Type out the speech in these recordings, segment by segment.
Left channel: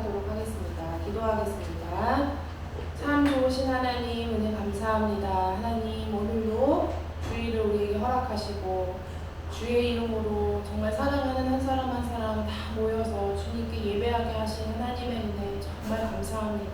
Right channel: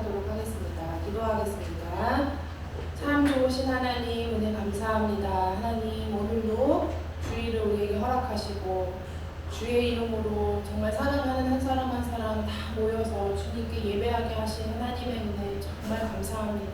고백하도록 하겠습니다. 기도하겠습니다. 참 좋으신 하나님, 은혜 감사합니다. 하나님, 오늘도 주의를 우리에게 허락하시고 주의 이름으로 정말 사랑하는 한 사람 한 사람 다 모여서 주님께 예배하게 하신 하나님의 은혜 정말 감사합니다.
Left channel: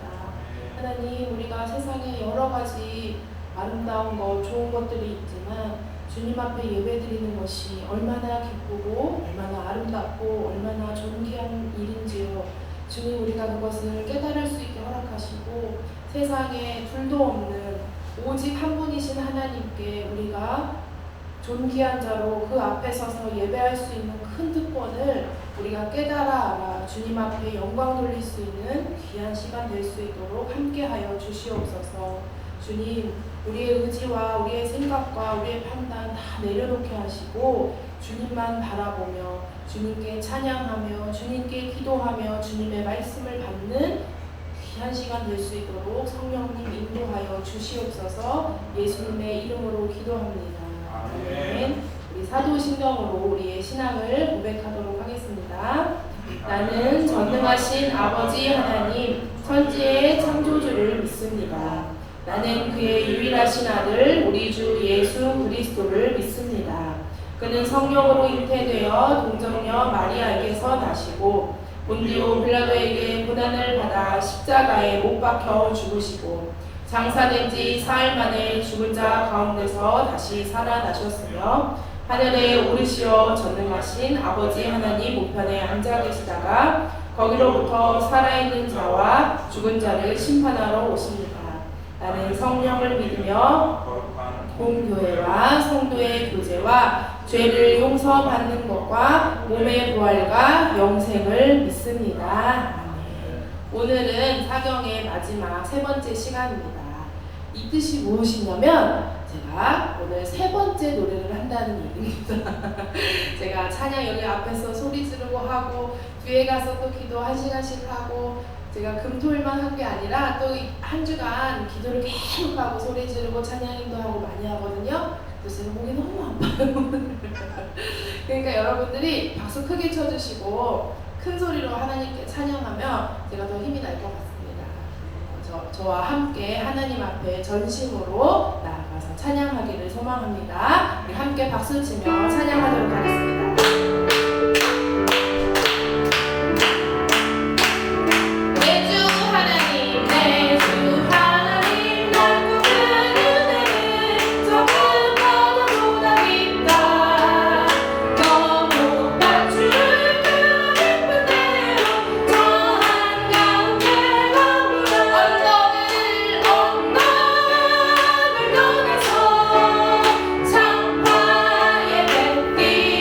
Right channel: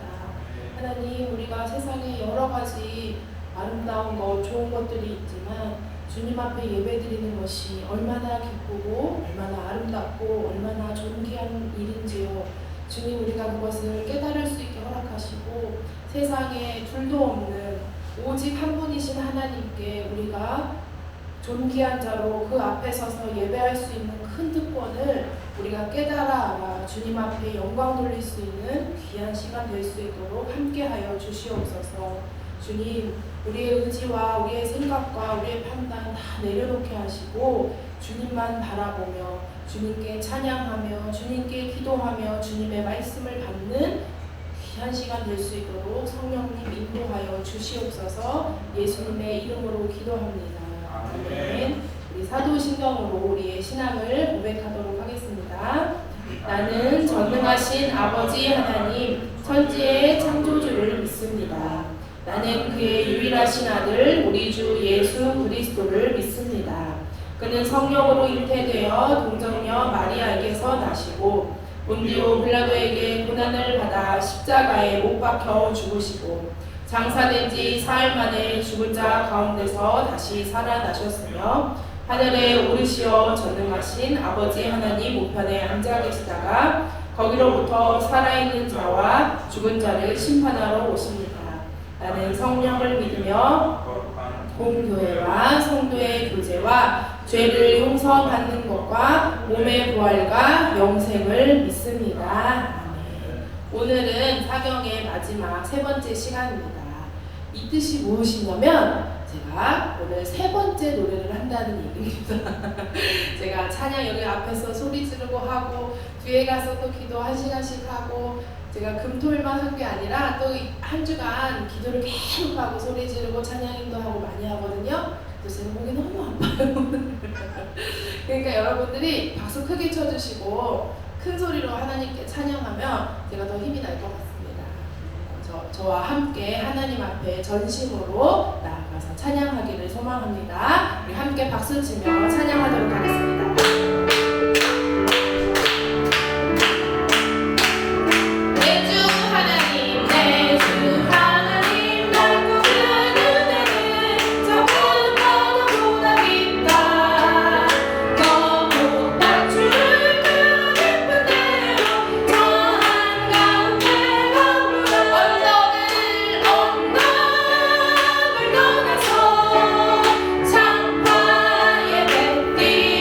하나님, 우리가 세상에 여러 가지 아름다운 것, 좋은 것들이 있지만 주님 앞에 예배드리는 것이 얼마나 기쁘고 얼마나 아름답고 얼마나 존귀한 일인지요. 주님, 우리가 그것을 깨달을 수 있게 허락하시고 세상에 둘도 없는 오직 한 분이신 하나님께 우리가 존귀한 자로 그 앞에 서서 예배할 수 있는 큰 특권을 우리가 깨달아 알아 주님 앞에 영광 돌릴 수 있는 귀한 시간 될 수 있도록 함께하여 주시옵소서. 주님, 우리의 의지와 우리의 생각과 우리의 판단 다 내려놓게 하시고 주님만 바라보며 주님께 찬양하며 주님께 기도하며 주님의 말씀을 받는 귀한 시간 될 수 있도록 성령님 인도하여 주시옵소서. 예수님의 이름으로 기도합니다. 아멘. 우리 사도신경으로 우리의 신앙을 고백하도록 하겠습니다. 나는 전능하신 아버지 하나님 천지의 창조주를 믿습니다. 나는 그의 유일하신 아들 우리 주 예수 그리스도를 믿습니다. 그는 성령으로 잉태되어 동정녀 마리아에게서 나시고 본디오 빌라도에게 고난을 받아 십자가에 못 박혀 죽으시고 장사된 지 사흘 만에 죽은 자 가운데서 다시 살아나셨으며 하늘에 오르시어 전능하신 아버지 하나님 우편에 앉아 계시다가 거기로부터 살아있는 자와 죽은 자를 심판하러 오십니다. 나는 성령을 믿으며 공교회와 성도의 교제와 죄를 용서받는 것과 몸의 부활과 영생을 믿습니다. 오늘은 사경의 마지막 세 번째 시간입니다. 이 뜻이 무엇이냐면 제가 오늘 세 번째 노래를 한다는 얘기입니다. 제가 찬양 여기 앞에서 소리 지르고 하고 뒤에 가서 또 기도 1시간씩 하고 제가 금토일만 한 게 아니라 또 한 주간 기도를 계속 하고 소리 지르고 찬양 인도하고 많이 하거든요. 그래서 목이 너무 아파요. 그러니까 여러분들이 박수 크게 쳐주시고 큰 소리로 하나님께 찬양하면 제가 더 힘이 날 것 같습니다. 저와 함께 하나님 앞에 전심으로 나아가서 찬양하기를 소망합니다. 우리 함께 박수 치며 찬양하도록 하겠습니다. 장파에 뱉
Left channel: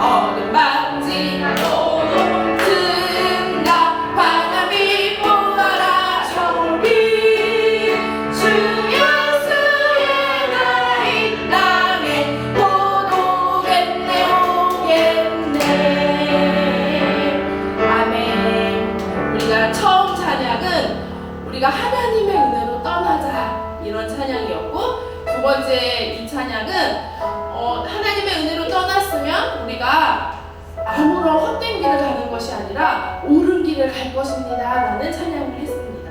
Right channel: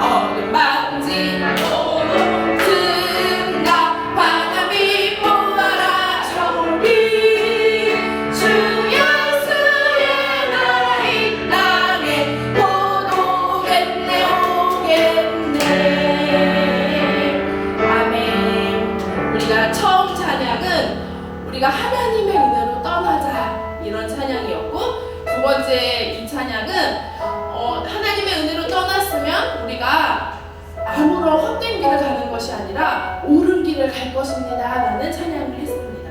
어둠 만지고 든다 바람이 보아라 저비 주 예수의 나라 이 땅에 곧 오겠네 아멘. 우리가 처음 찬양은 우리가 하나님의 은혜로 떠나자 이런 찬양이었고, 두 번째 이 찬양은 하나님의 은혜로 떠났으면 우리가 아무런 헛된 길을 가는 것이 아니라 옳은 길을 갈 것입니다 라는 찬양을 했습니다.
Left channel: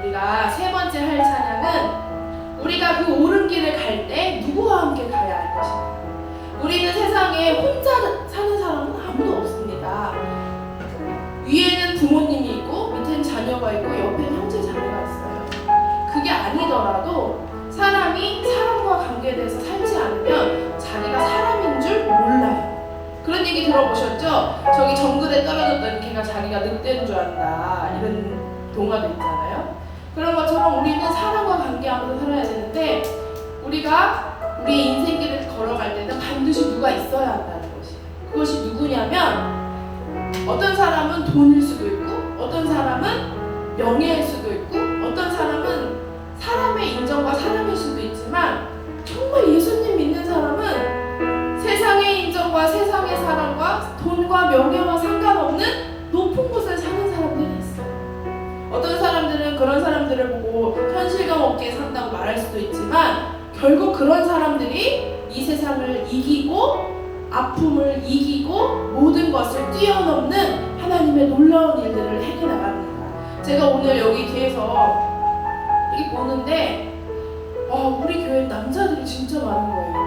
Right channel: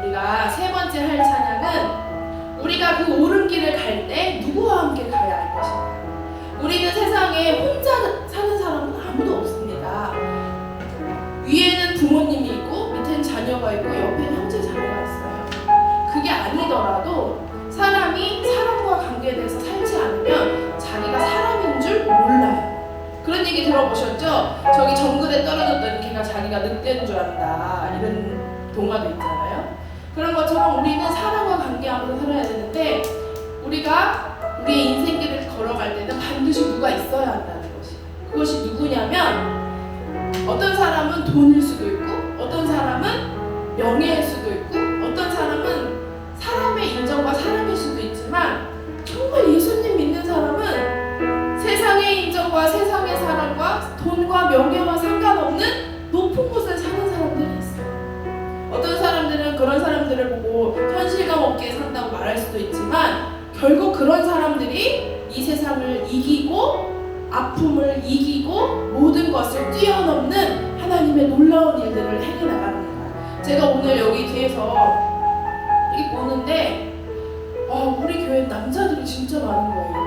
우리가 세 번째 할 찬양은 우리가 그 옳은 길을 갈 때 누구와 함께 가야 할 것인가. 우리는 세상에 혼자 사는 사람은 아무도 없습니다. 위에는 부모님이 있고 밑에는 자녀가 있고 옆에는 형제 자매가 있어요. 그게 아니더라도 사람이 사람과 관계돼서 살지 않으면 자기가 사람인 줄 몰라요. 그런 얘기 들어보셨죠? 저기 정글에 떨어졌던 개가 자기가 늑대인 줄 안다 이런 동화도 있잖아요. 그런 것처럼 우리는 사람과 관계하면서 살아야 되는데 우리가 우리의 인생길을 걸어갈 때는 반드시 누가 있어야 한다는 것이. 그것이 누구냐면 어떤 사람은 돈일 수도 있고 어떤 사람은 명예일 수도 있고 어떤 사람은 사람의 인정과 사람일 수도 있지만 정말 예수님 믿는 사람은 세상의 인정과 세상의 사랑과 돈과 명예와 상관없는 높은 곳에 사는 사람들이 있어요. 어떤 사람들은 그런 사람들을 보고 현실감 없게 산다고 말할 수도 있지만 결국 그런 사람들이 이 세상을 이기고 아픔을 이기고 모든 것을 뛰어넘는 하나님의 놀라운 일들을 해나갑니다. 제가 오늘 여기 뒤에서 여기 보는데 우리 교회 남자들이 진짜 많은 거예요.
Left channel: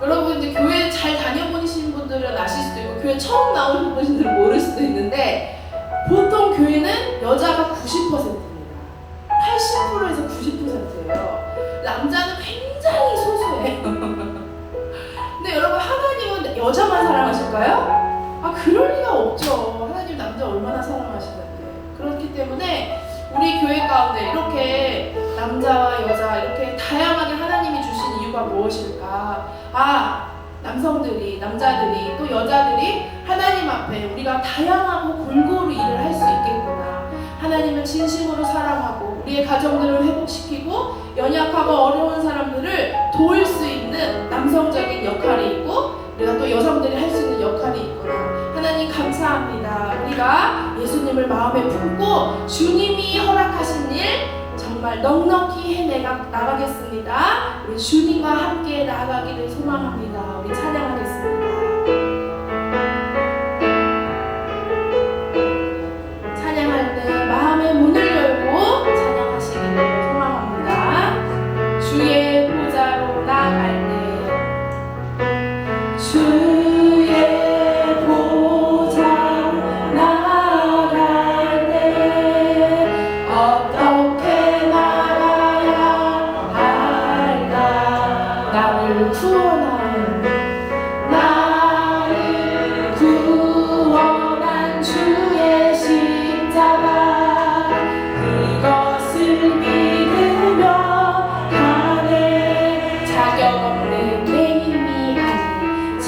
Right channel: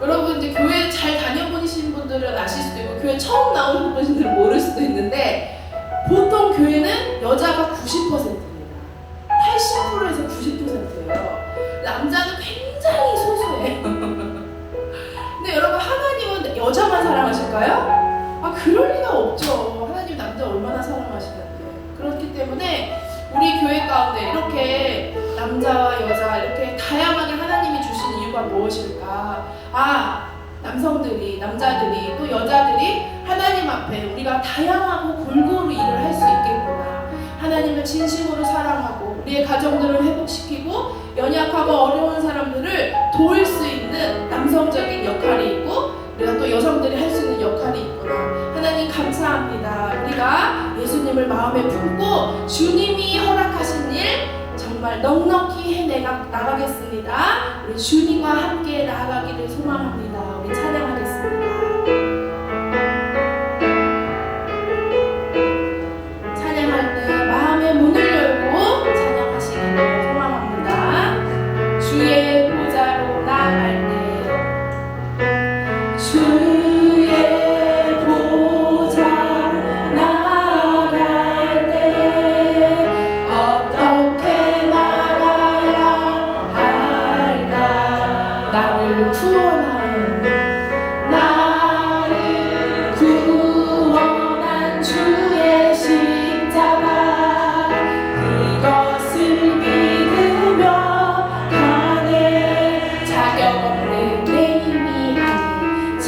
여러분 이제 교회 잘 다녀보신 분들은 아실 수도 있고 교회 처음 나오는 분들은 모를 수도 있는데 보통 교회는 여자가 90%입니다. 80%에서 90%예요. 남자는 굉장히 소수예요. 근데 여러분 하나님은 여자만 사랑하실까요? 그럴 리가 없죠. 하나님 남자 얼마나 사랑하시는데. 그렇기 때문에 우리 교회 가운데 이렇게 남자와 여자 이렇게 다양하게 하나님이 주신 이유가 무엇일까? 남성들이, 남자들이 또 여자들이 하나님 앞에 우리가 다양하고 골고루 일을 할 수 있겠구나. 하나님을 진심으로 사랑하고 우리의 가정들을 회복시키고 연약하고 어려운 사람들을 도울 수 있는 남성적인 역할이 있고 우리가 또 여성들이 할 수 있는 역할이 있구나. 하나님 감사합니다. 우리가 예수님을 마음에 품고 주님이 허락하신 일 정말 넉넉히 해나가겠습니다. 우리 주님과 함께 나아가기를 소망합니다. 우리 찬양하겠습니다. 찬양할 때 마음의 문을 열고 찬양하시기를 소망합니다. 주의 보좌로 나아갈 때 주의 보좌로 나아갈 때 어떻게 말해야 할까. 나를 구원한 주의 십자가 그것을 믿으며 가네. 자격 없는 내 힘이 아닌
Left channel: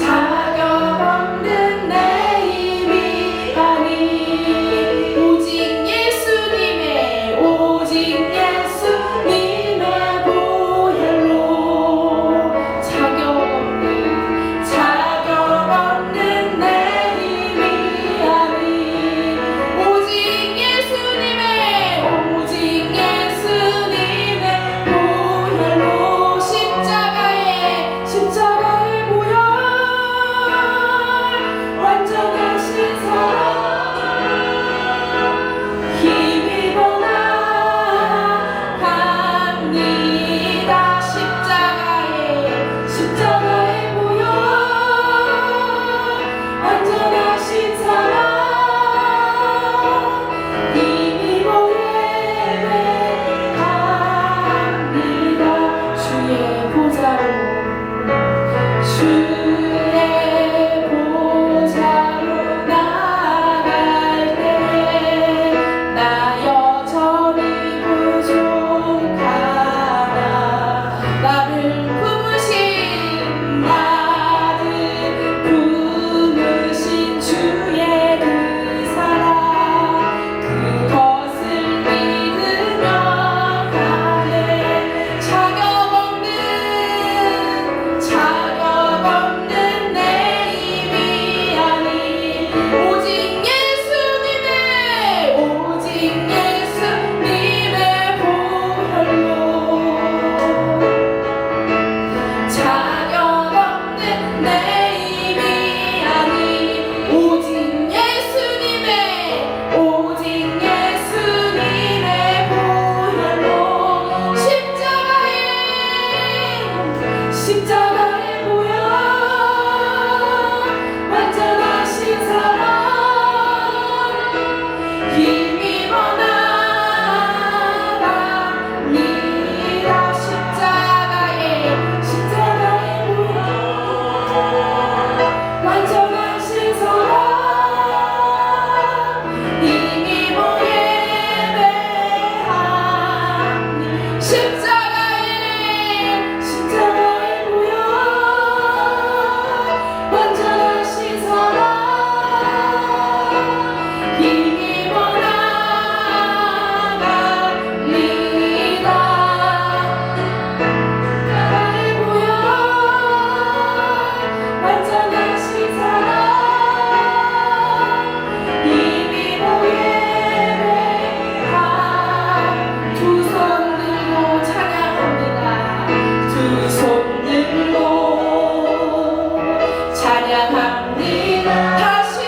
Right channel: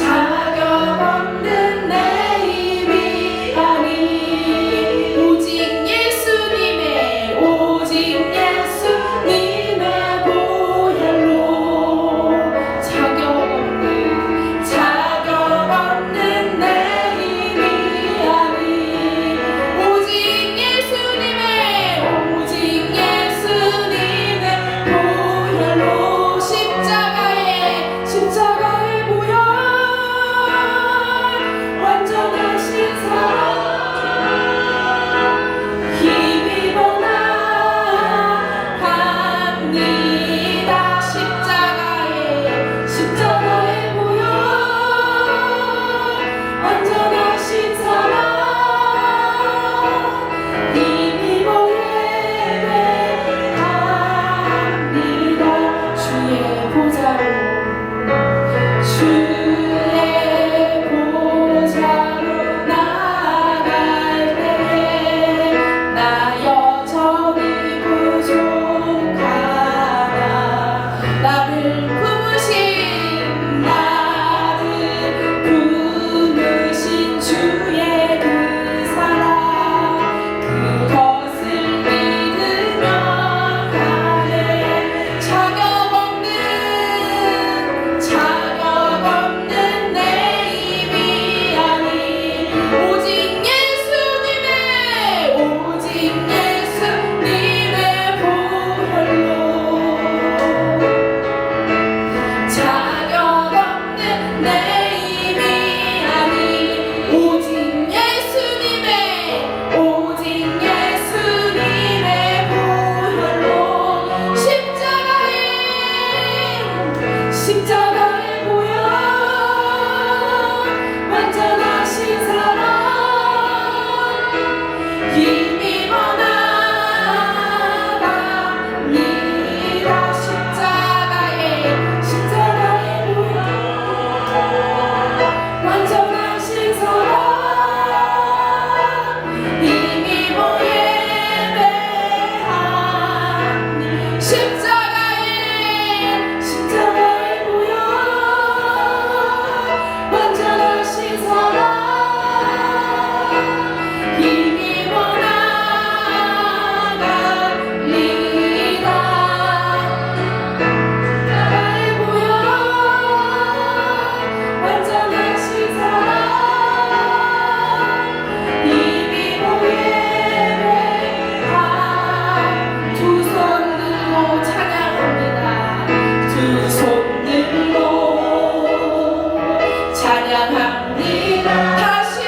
찬양합니다. 다시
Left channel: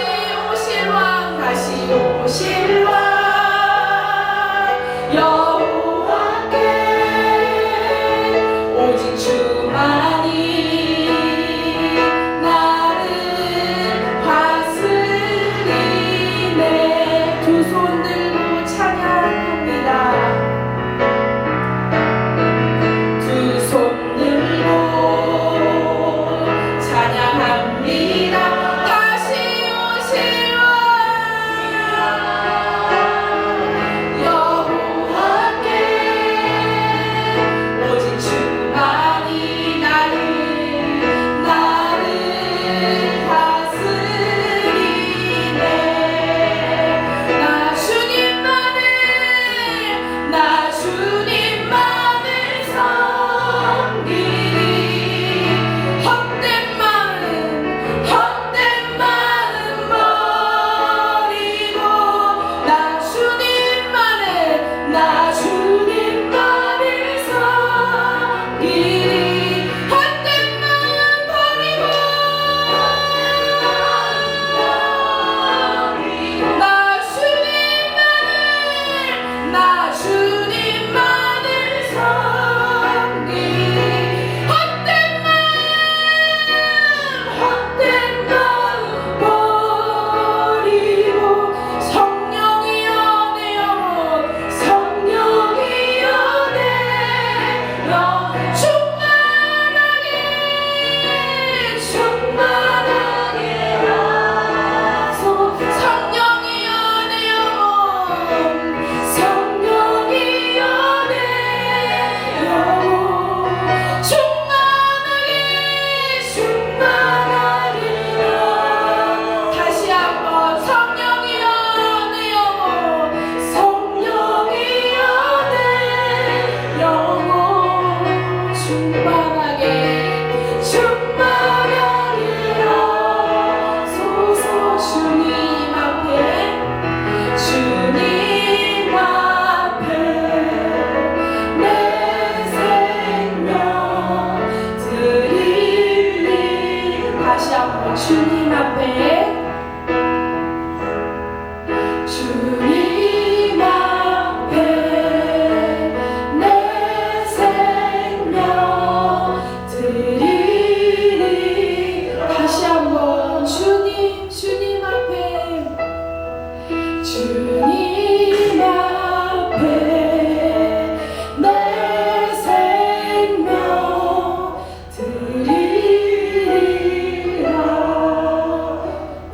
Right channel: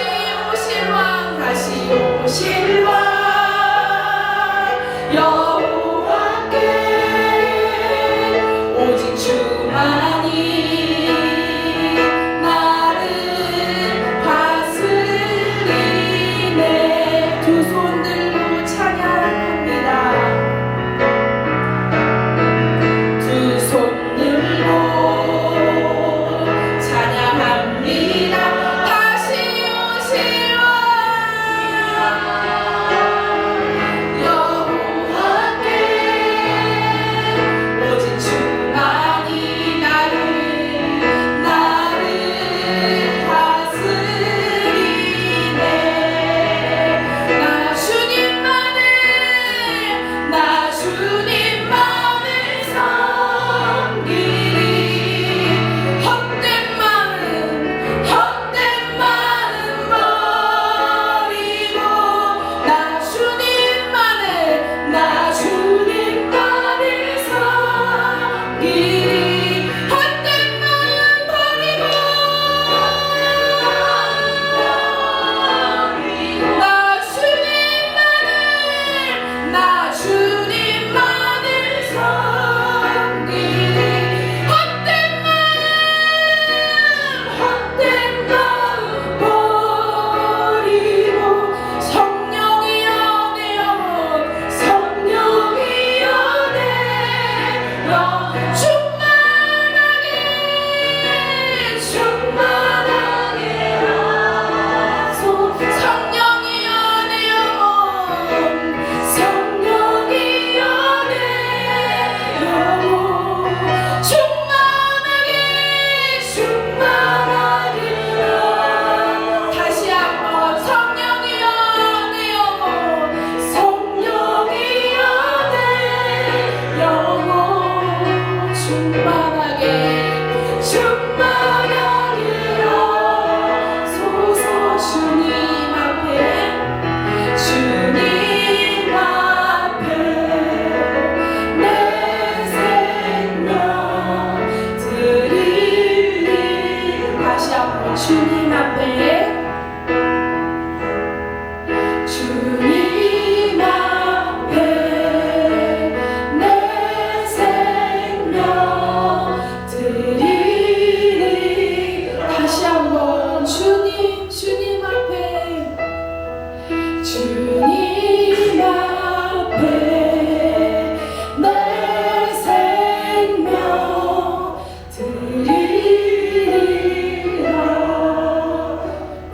오실 왕, 다시 오실 왕, 여호와께 오직 주만이 나를 다스리네. 두 손 들고 찬양합니다. 두 손 들고 찬양합니다. 다시 오실 왕, 여호와께 오직 주만이 나를 다스리네. 나 주님만을 섬기리. 헛된 마음 버리고 나 주님만을 섬기리. 헛된 마음 버리고 나 주님만을 섬기리. 헛된 마음 버리고 성령이여 내 영혼, 성령이여 내 영혼 충만하게 하소. 성령이여 내 영혼, 성령이여 내 영혼 충만하게 다시 한번 성령이여 내 영혼, 성령이여 내 영혼 충만하게 하소서. 주님 앞에 내 생명 드리리. 다시 한번 주님 앞에 내 생명 드리리. 다시 한번 주님 앞에 내 생명 드리리라.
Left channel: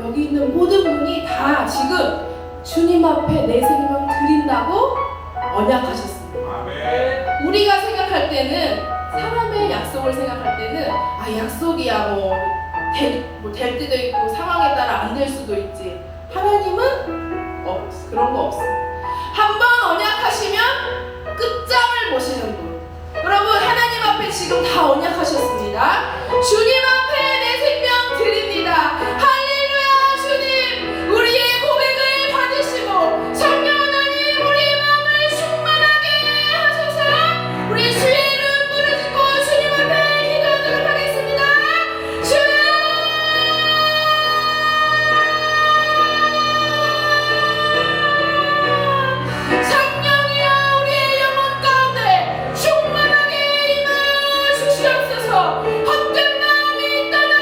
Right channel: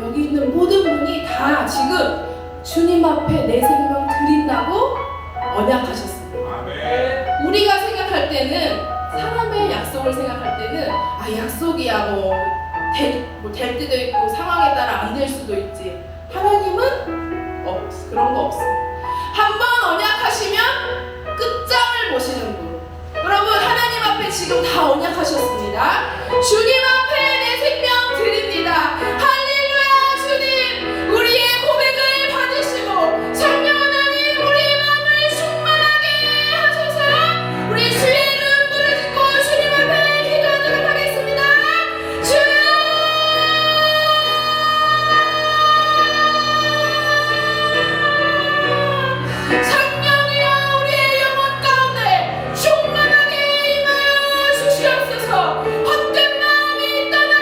여기 있는 모든 분이 다 지금 주님 앞에 내 생명 드린다고 언약하셨습니다. 우리가 생각할 때는, 사람의 약속을 생각할 때는 약속이야 될 때도 있고 상황에 따라 안 될 수도 있지. 하나님은 그런 거 없어. 한번 언약하시면 끝장을 보시는 분. 여러분, 하나님 앞에 지금 다 언약하셨습니다. 주님 앞에 내 생명 드립니다. 할렐루야. 주님, 우리의 고백을 받으시고 성령 하나님 우리 마음을 충만하게 하소서. 우리 주의 이름 부르짖고 주님 앞에 기도하도록 하겠습니다. 주여, 성령이여 우리의 영혼 가운데 충만하게 임하여 주시옵소서. 헛된 마음이 떠나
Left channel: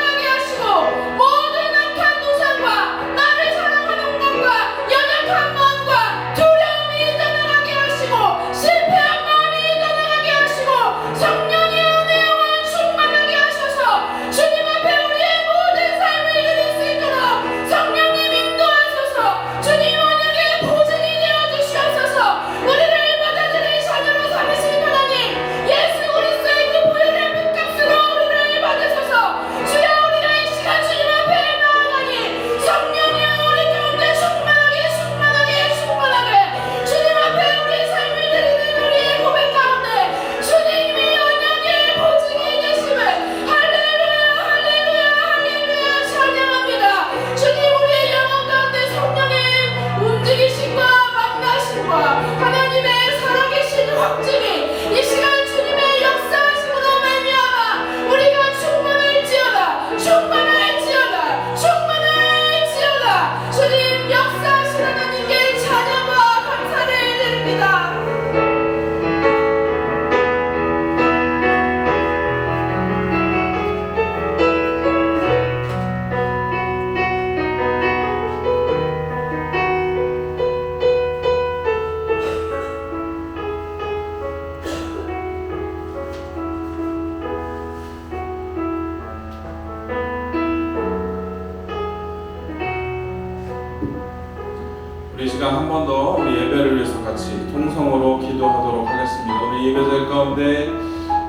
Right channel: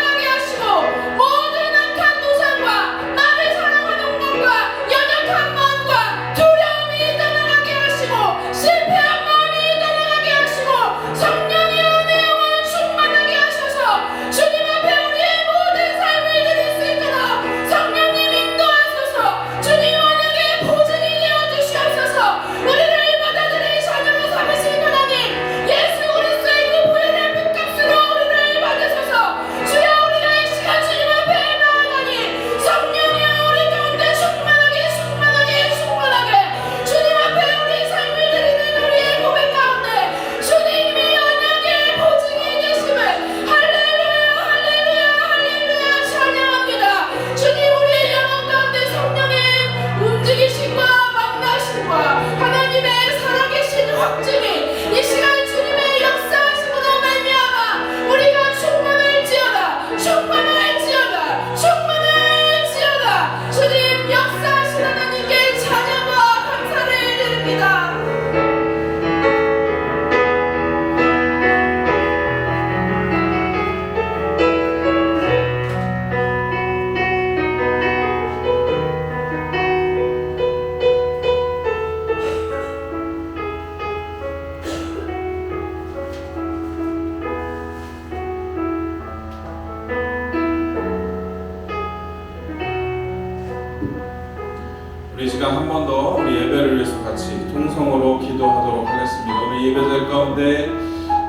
이 시간 한 번 더 우리 예배를 위해서 같이 통성으로 기도하도록 하겠습니다. 오늘 예배될 가운데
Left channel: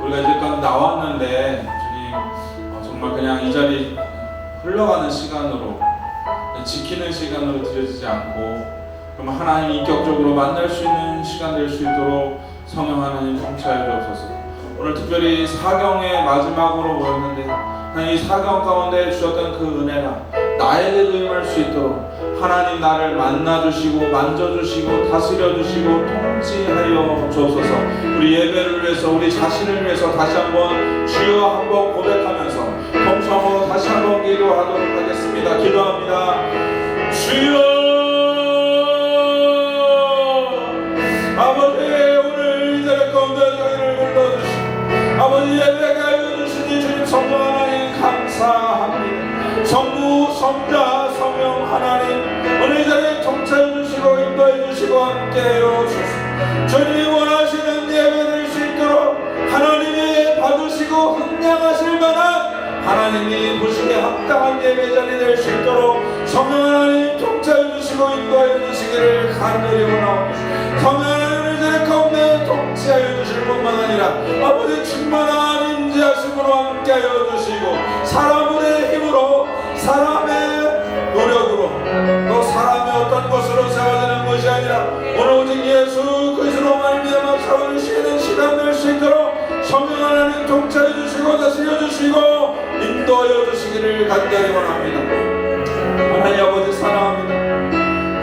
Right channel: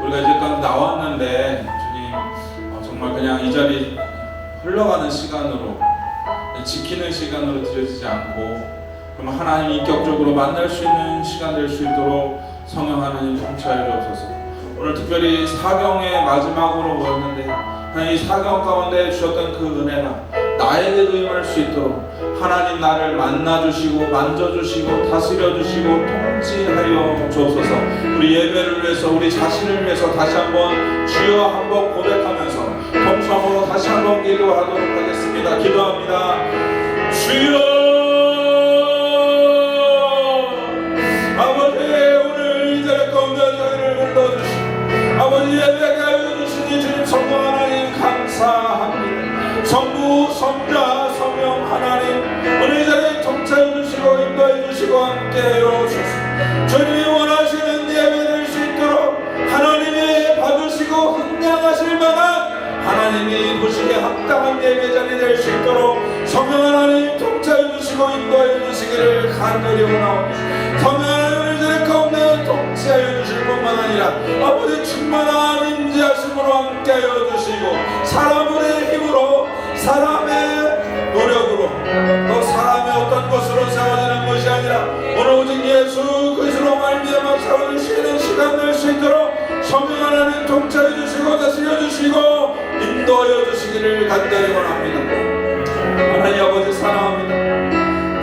우리가 이제까지 나왔는데 주님 정말 그냥 이 자리 흘러가는 시간으로 지키는 시간으로 드려지지 않고 그럼 하나님 인격적으로 만날 수 있는 시간 될 수 있도록 성령 하나님 통치하여 주옵소서. 오늘 특별히 사경의 마지막으로 모였는데 하나님 이 사경 가운데 주셨던 그 은혜가 나에게도 임할 수 있도록 하나님 나를 만나주시고 만져주시고 다스려주시고 통치하여 주옵소서. 우리 예배를 위해서 우리 자신을 위해서 다시 한번 주여 한번 고백하면서 통성으로 다시 한번 기도하도록 하겠습니다. 기도합니다. 주여 아버지 오늘 이 자리 가운데 저희를 불러주시고 아버지 예배가 해주시니 주님 성령 하나님 감사합니다. 성부 성자 성령 하나님 오늘 이 자리에 통치해 주시고 인도해 주시고 함께해 주시고 주님이 원하시는 예배 될 수 있도록 하나님이 봐주시고 흥량하실 만한 하나님이 보시기에 합당한 예배 자리 될 수 있도록 성령 하나님 통치해 주시고 인도해 주시기를 간절히 원하옵니다. 성령 하나님 이 자리 가운데 통치하여 주실 뿐만 아니라 아버지 충만한 인자하심으로 함께하여 주시고 사람의 힘으로 사람의 노력으로 또 사람의 어떤 것으로 세워지는 것이 아니라 오늘 오직 예수 그리스도로 말미암아 세워주시는 시간 될 수 있도록 성령 하나님 통치해 주시고 다스려 주시고 인도하여 주시기를 간절히 원합니다. 하나님 아버지 사랑합니다.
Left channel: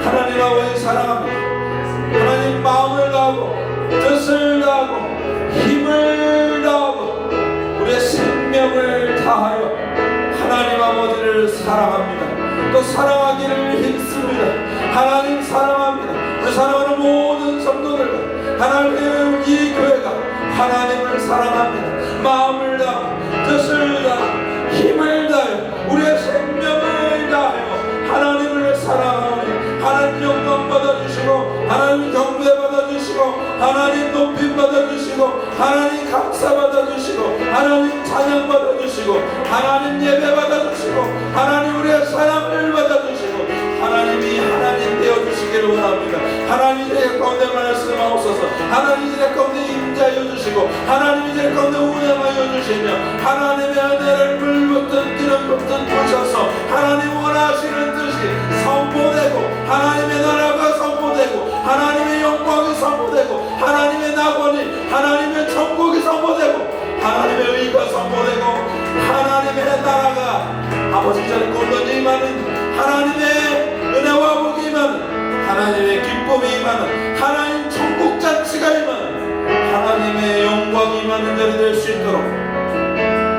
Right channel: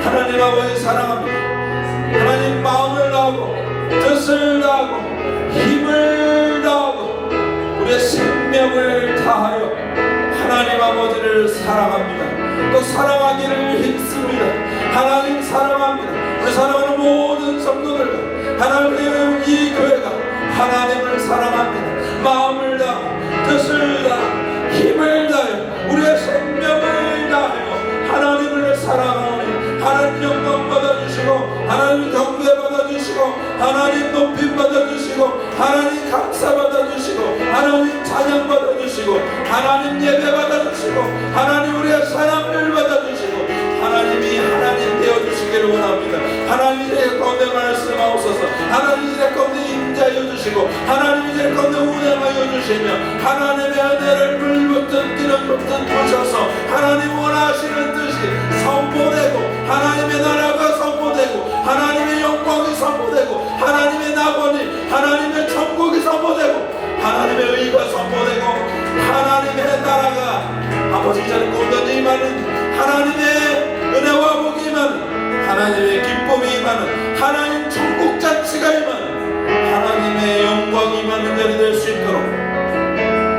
하나님 아버지 사랑합니다. 하나님 마음을 다하고 뜻을 다하고 힘을 다하고 우리의 생명을 다하여 하나님 아버지를 사랑합니다. 또 사랑하기를 힘씁니다. 하나님 사랑합니다. 우리 사랑하는 모든 성도들과 하나님의 이 교회가 하나님을 사랑합니다. 마음을 다하고 뜻을 다하고 힘을 다하여 우리의 생명을 다하여 하나님을 사랑하며 하나님 영광 받아주시고 하나님 경배 받아주시고 하나님 높임 받아주시고 하나님 감사 받아주시고 하나님 찬양 받아주시고 하나님 예배 받아주시고 하나님 우리의 사랑을 받아주시고 하나님이 하나님 되어주시기를 원합니다. 하나님 이제 가운데 말씀하옵소서. 하나님 이제 가운데 임자여 주시고 하나님 이제 가운데 운행하여 주시며 하나님의 은혜를 물붓든 기름 붓든 부셔서 하나님 원하시는 뜻이 선포되고 하나님의 나라가 선포되고 하나님의 영광이 선포되고 하나님의 낙원이 하나님의 천국이 선포되고 하나님의 의가 선포되고 하나님의 나라가 아버지 자리 가운데 임하는 하나님의 은혜와 복이 임하는 하나님의 기쁨이 임하는 하나님 천국 잔치가 임하는 하나님의 영광이 임하는 자리 될 수 있도록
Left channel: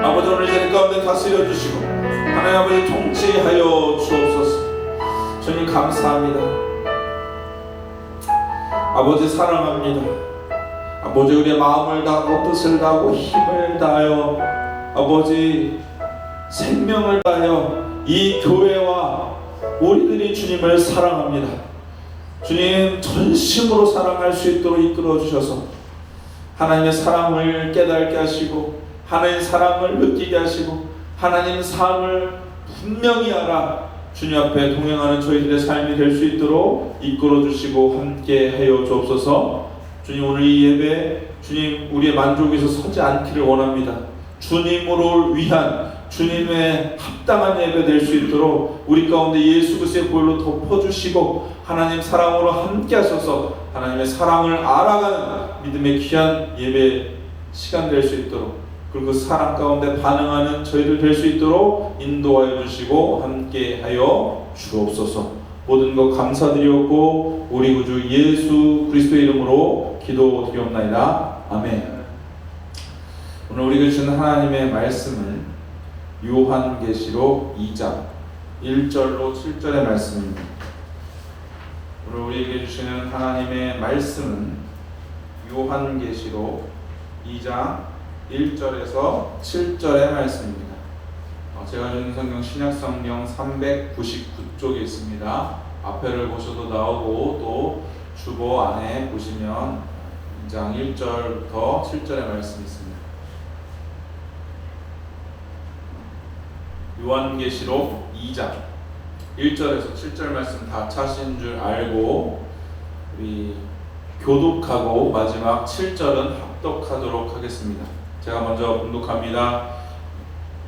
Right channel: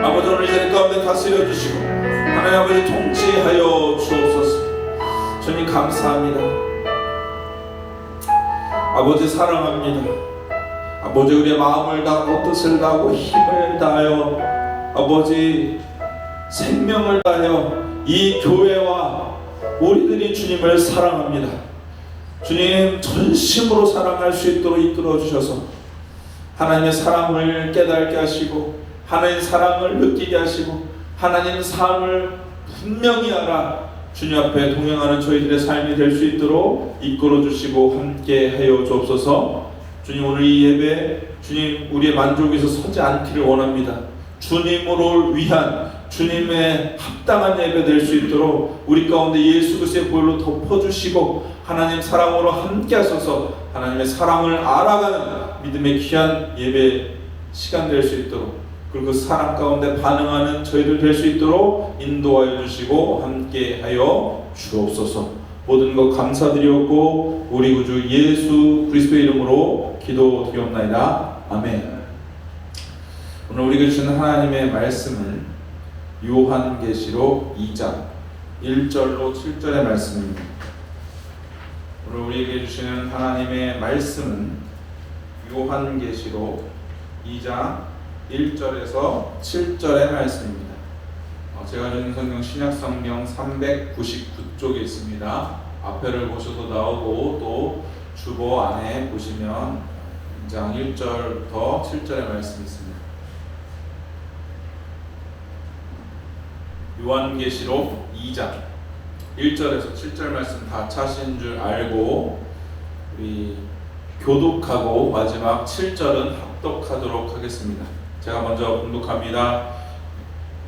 아버지 오늘 이 자리 가운데 다스려 주시고 하나님 아버지 통치하여 주옵소서. 주님 감사합니다. 아버지 사랑합니다. 아버지 우리의 마음을 다하고 뜻을 다하고 힘을 다하여 아버지 생명을 다하여 이 교회와 우리들이 주님을 사랑합니다. 주님 전심으로 사랑할 수 있도록 이끌어 주셔서 하나님의 사랑을 깨닫게 하시고 하나님의 사랑을 느끼게 하시고 하나님의 삶을 분명히 알아 주님 앞에 동행하는 저희들의 삶이 될 수 있도록 이끌어 주시고 함께 하여 주옵소서. 주님 오늘 이 예배 주님 우리의 만족에서 서지 않기를 원합니다. 주님으로 위한 주님의 합당한 예배 될 수 있도록 우리 가운데 예수 그리스도의 보혈로 덮어주시고 하나님 사랑으로 함께 하셔서 하나님의 사랑을 알아가는 믿음의 귀한 예배 시간 될 수 있도록 그리고 그 사랑 가운데 반응하는 저희들 될 수 있도록 인도하여 주시고 함께 하여 주옵소서. 모든 것 감사드리옵고 우리 구주 예수 그리스도의 이름으로 기도드리옵나이다. 아멘. 오늘 우리에게 주시는 하나님의 말씀은 요한계시록 2장 1절로 7절의 말씀입니다. 오늘 우리에게 주시는 하나님의 말씀은 요한계시록 2장 1절에서 7절의 말씀입니다. 제가 주는 성경 신약성경 399쪽에 있습니다. 앞에를 보셔도 나오고 또 주보 안에 보시면 2장 1절부터 7절의 말씀이 있습니다. 요한계시록 2장 1절에서 7절 말씀 다 차신 줄 알고 우리 교독하고 마지막 7절은 합독하도록 하겠습니다. 제가 먼저 봉독합니다.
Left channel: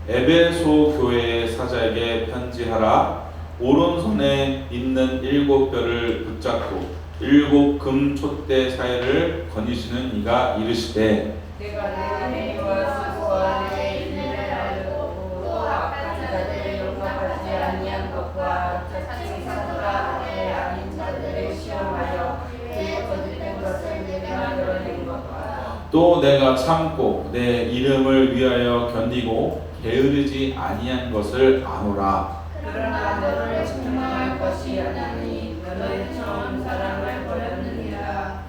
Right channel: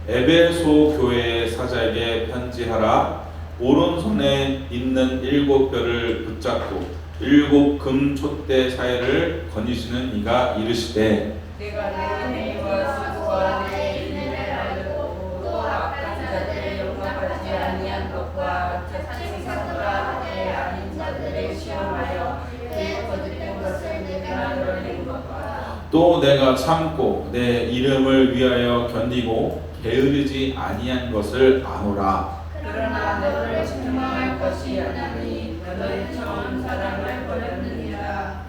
에베소 교회의 사자에게 편지하라. 오른손에 있는 7뼈를 붙잡고 7 금 촛대 사이를 거니시는 이가 이르시되 내가 내 힘과 수고와 내 인내를 알고 또 악한 자들의 용납하지 아니한 것과 자칭 사도라 내 아닌 자들의 시험하여 그의 거짓된 것을 내가 드러낸 것과 또 내가 참고 내 이름을 위하여 견디고 게으르지 아니한 것을 아노라. 그러나 너를 책망할 것이 아니니 너는 처음 사랑을 버렸느니라.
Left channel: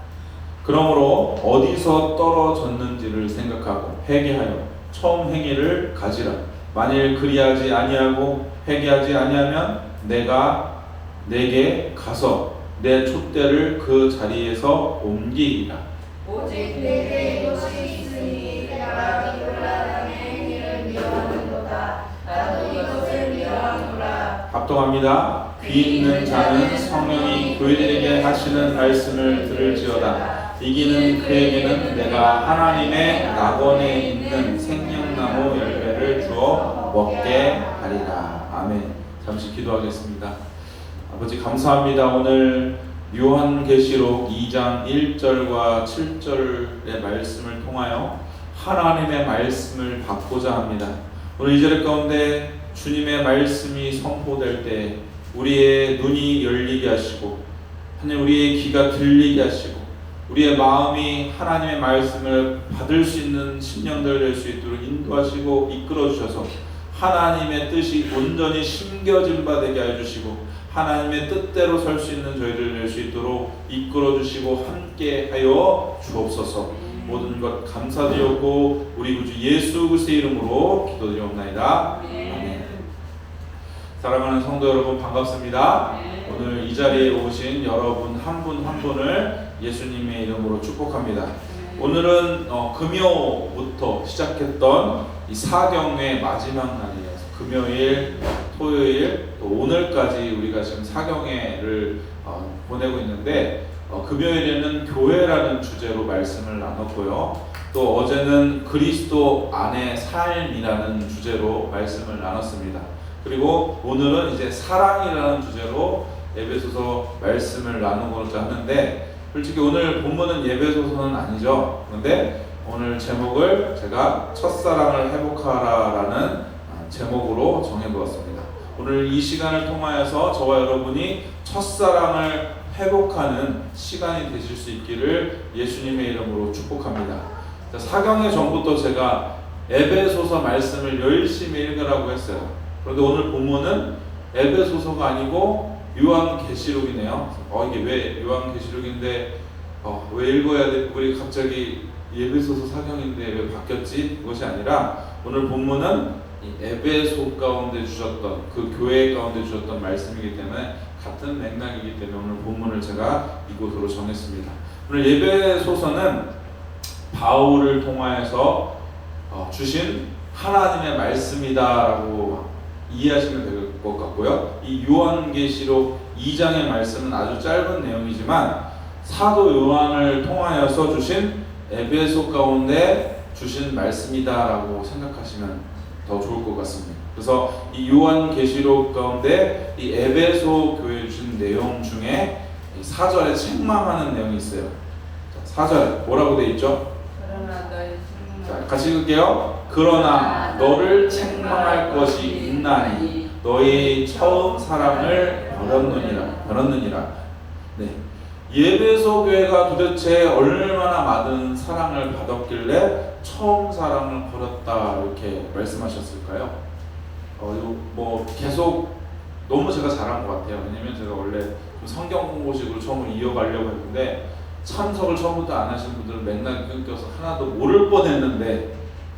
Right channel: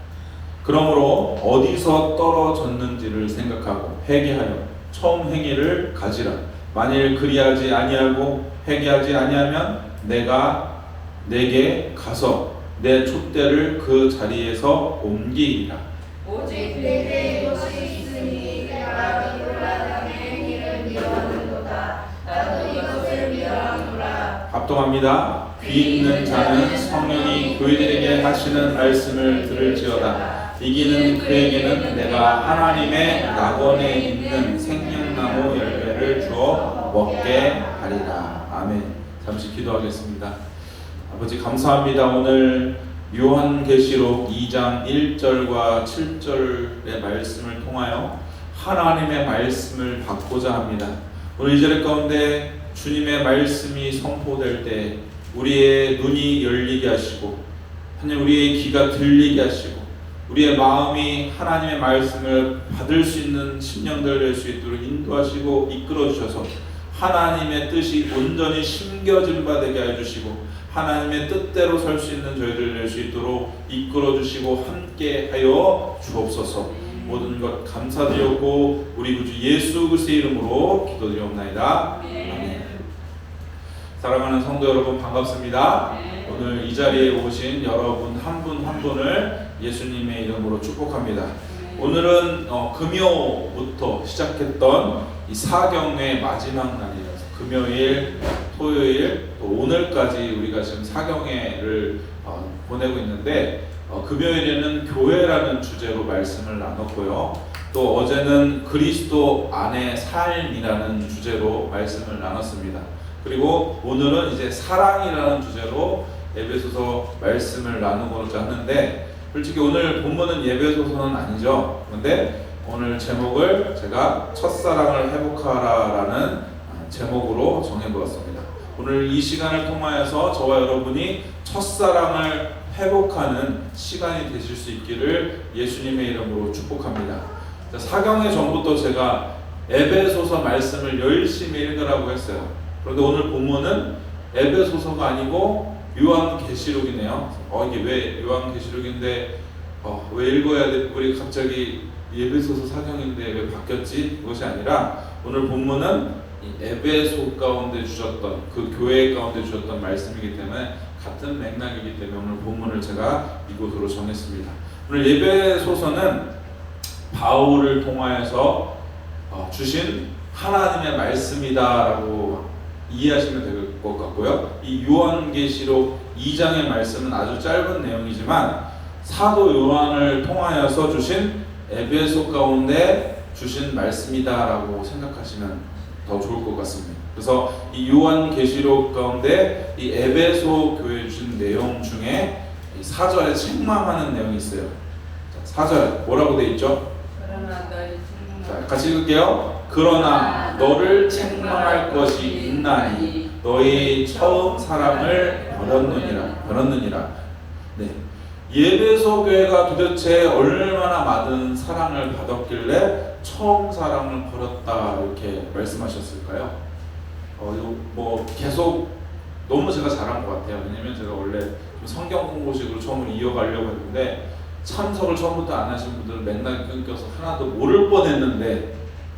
그러므로 어디서 떨어졌는지를 생각하고 회개하여 처음 행위를 가지라. 만일 그리하지 아니하고 회개하지 아니하면 내가 내게 가서 내 촛대를 그 자리에서 옮기리라. 오직 내게 이것이 있으니 내가 이르라 당의 행위를 미워하는도다. 나도 이것을 미워하노라. 합동합니다. 귀 있는 자는 성령이 교회들에게 하시는 말씀을 들을지어다. 이기는 그에게는 내가 하나님의 낙원에 있는 생명나무 열매를 주어 먹게 하리라. 아멘. 잠시 기도하겠습니다. 아버지 감사합니다. 오늘 요한계시록 2장 1절과 7절의 말씀을 통하여 하나님의 말씀을 받고자 합니다. 오늘 이 자리 가운데 주님의 말씀이 선포될 때 우리의 눈이 열리게 하시고 하나님 우리의 귀가 들리게 하시고 우리의 마음이 하나님의 말씀을 받을 수 있는 심령들 될 수 있도록 인도하시고 이끌어 주셔서 하나님의 뜻이 온전히 심겨진 바 되게 해주시고 하나님의 뜻대로 설 수 있는 저희들 될 수 있도록 이끌어 주시고 함께 하여 주옵소서. 모든 것 감사드렸고 우리 구주 예수 그리스도의 이름으로 기도드리옵나이다. 아멘. 사랑하는 성도 여러분 반갑습니다. 오늘 이 자리에 오신 여러분 한 분 한 분을 예수님의 이름으로 축복합니다. 오늘은 금요부터 시작했던 이 사경의 마지막 날이에요. 금요일, 토요일, 또 오늘까지 우리가 지금 사경회를 보내고 있는데 금요일에는 교회라는 주제로 말씀을 나눴고요. 또 어제는 그리스도 안의 삶이라는 주제로 말씀을 나눴습니다. 그리고 오늘은 이제 사랑이라는 주제로 에베소서 말씀을 나누고자 하는데 솔직히 오늘 본문은 에베소서는 아니죠. 그런데 오늘 제목을 제가 첫사랑을 회복하라라는 제목으로 정해보았습니다. 오늘 이 시간을 통하여서 저와 여러분이 첫사랑을 회복하는 시간이 되실 수 있기를 예수님의 이름으로 축복합니다. 사경회 전부터 제가 에베소서 말씀을 열심히 읽으라고 했어요. 그런데 오늘 본문은 에베소서가 아니고 요한계시록이네요. 이게 왜 요한계시록인데 왜 읽어야 돼? 우리 갑자기 에베소서 사경인데 왜 바뀌었지? 그것이 아니라 오늘 본문은 이 에베소 가운데 주셨던 그 교회 가운데 주셨던 말씀이기 때문에 같은 맥락이기 때문에 오늘 본문을 제가 이곳으로 정했습니다. 오늘 에베소서는 바울을 통하여서 주신 하나님의 말씀이다라고 이해하시면 될 것 같고요. 이 요한계시록 2장의 말씀은 아주 짧은 내용이지만 사도 요한을 통하여서 주신 에베소 가운데 주신 말씀이다라고 생각하시면 더 좋을 것 같습니다. 그래서 이 요한계시록 가운데 이 에베소 교회에 주신 내용 중에 4절에 책망하는 내용이 있어요. 4절에 뭐라고 되어 있죠? 자, 같이 읽을게요. 그러나 너를 책망할 것이 있나니 너희 처음 사랑을 버렸느니라. 네. 에베소 교회가 도대체 얼마나 많은 사랑을 받았길래 처음 사랑을 버렸다 이렇게 말씀하셨을까요? 뭐 계속 너무 제가 잘한 것 같아요. 왜냐면 제가 원래 성경 공부식으로 처음으로 이어가려고 했는데 참석을 처음부터 안 하신 분들은 맥락이 끊겨서 하나도 모를 뻔했는데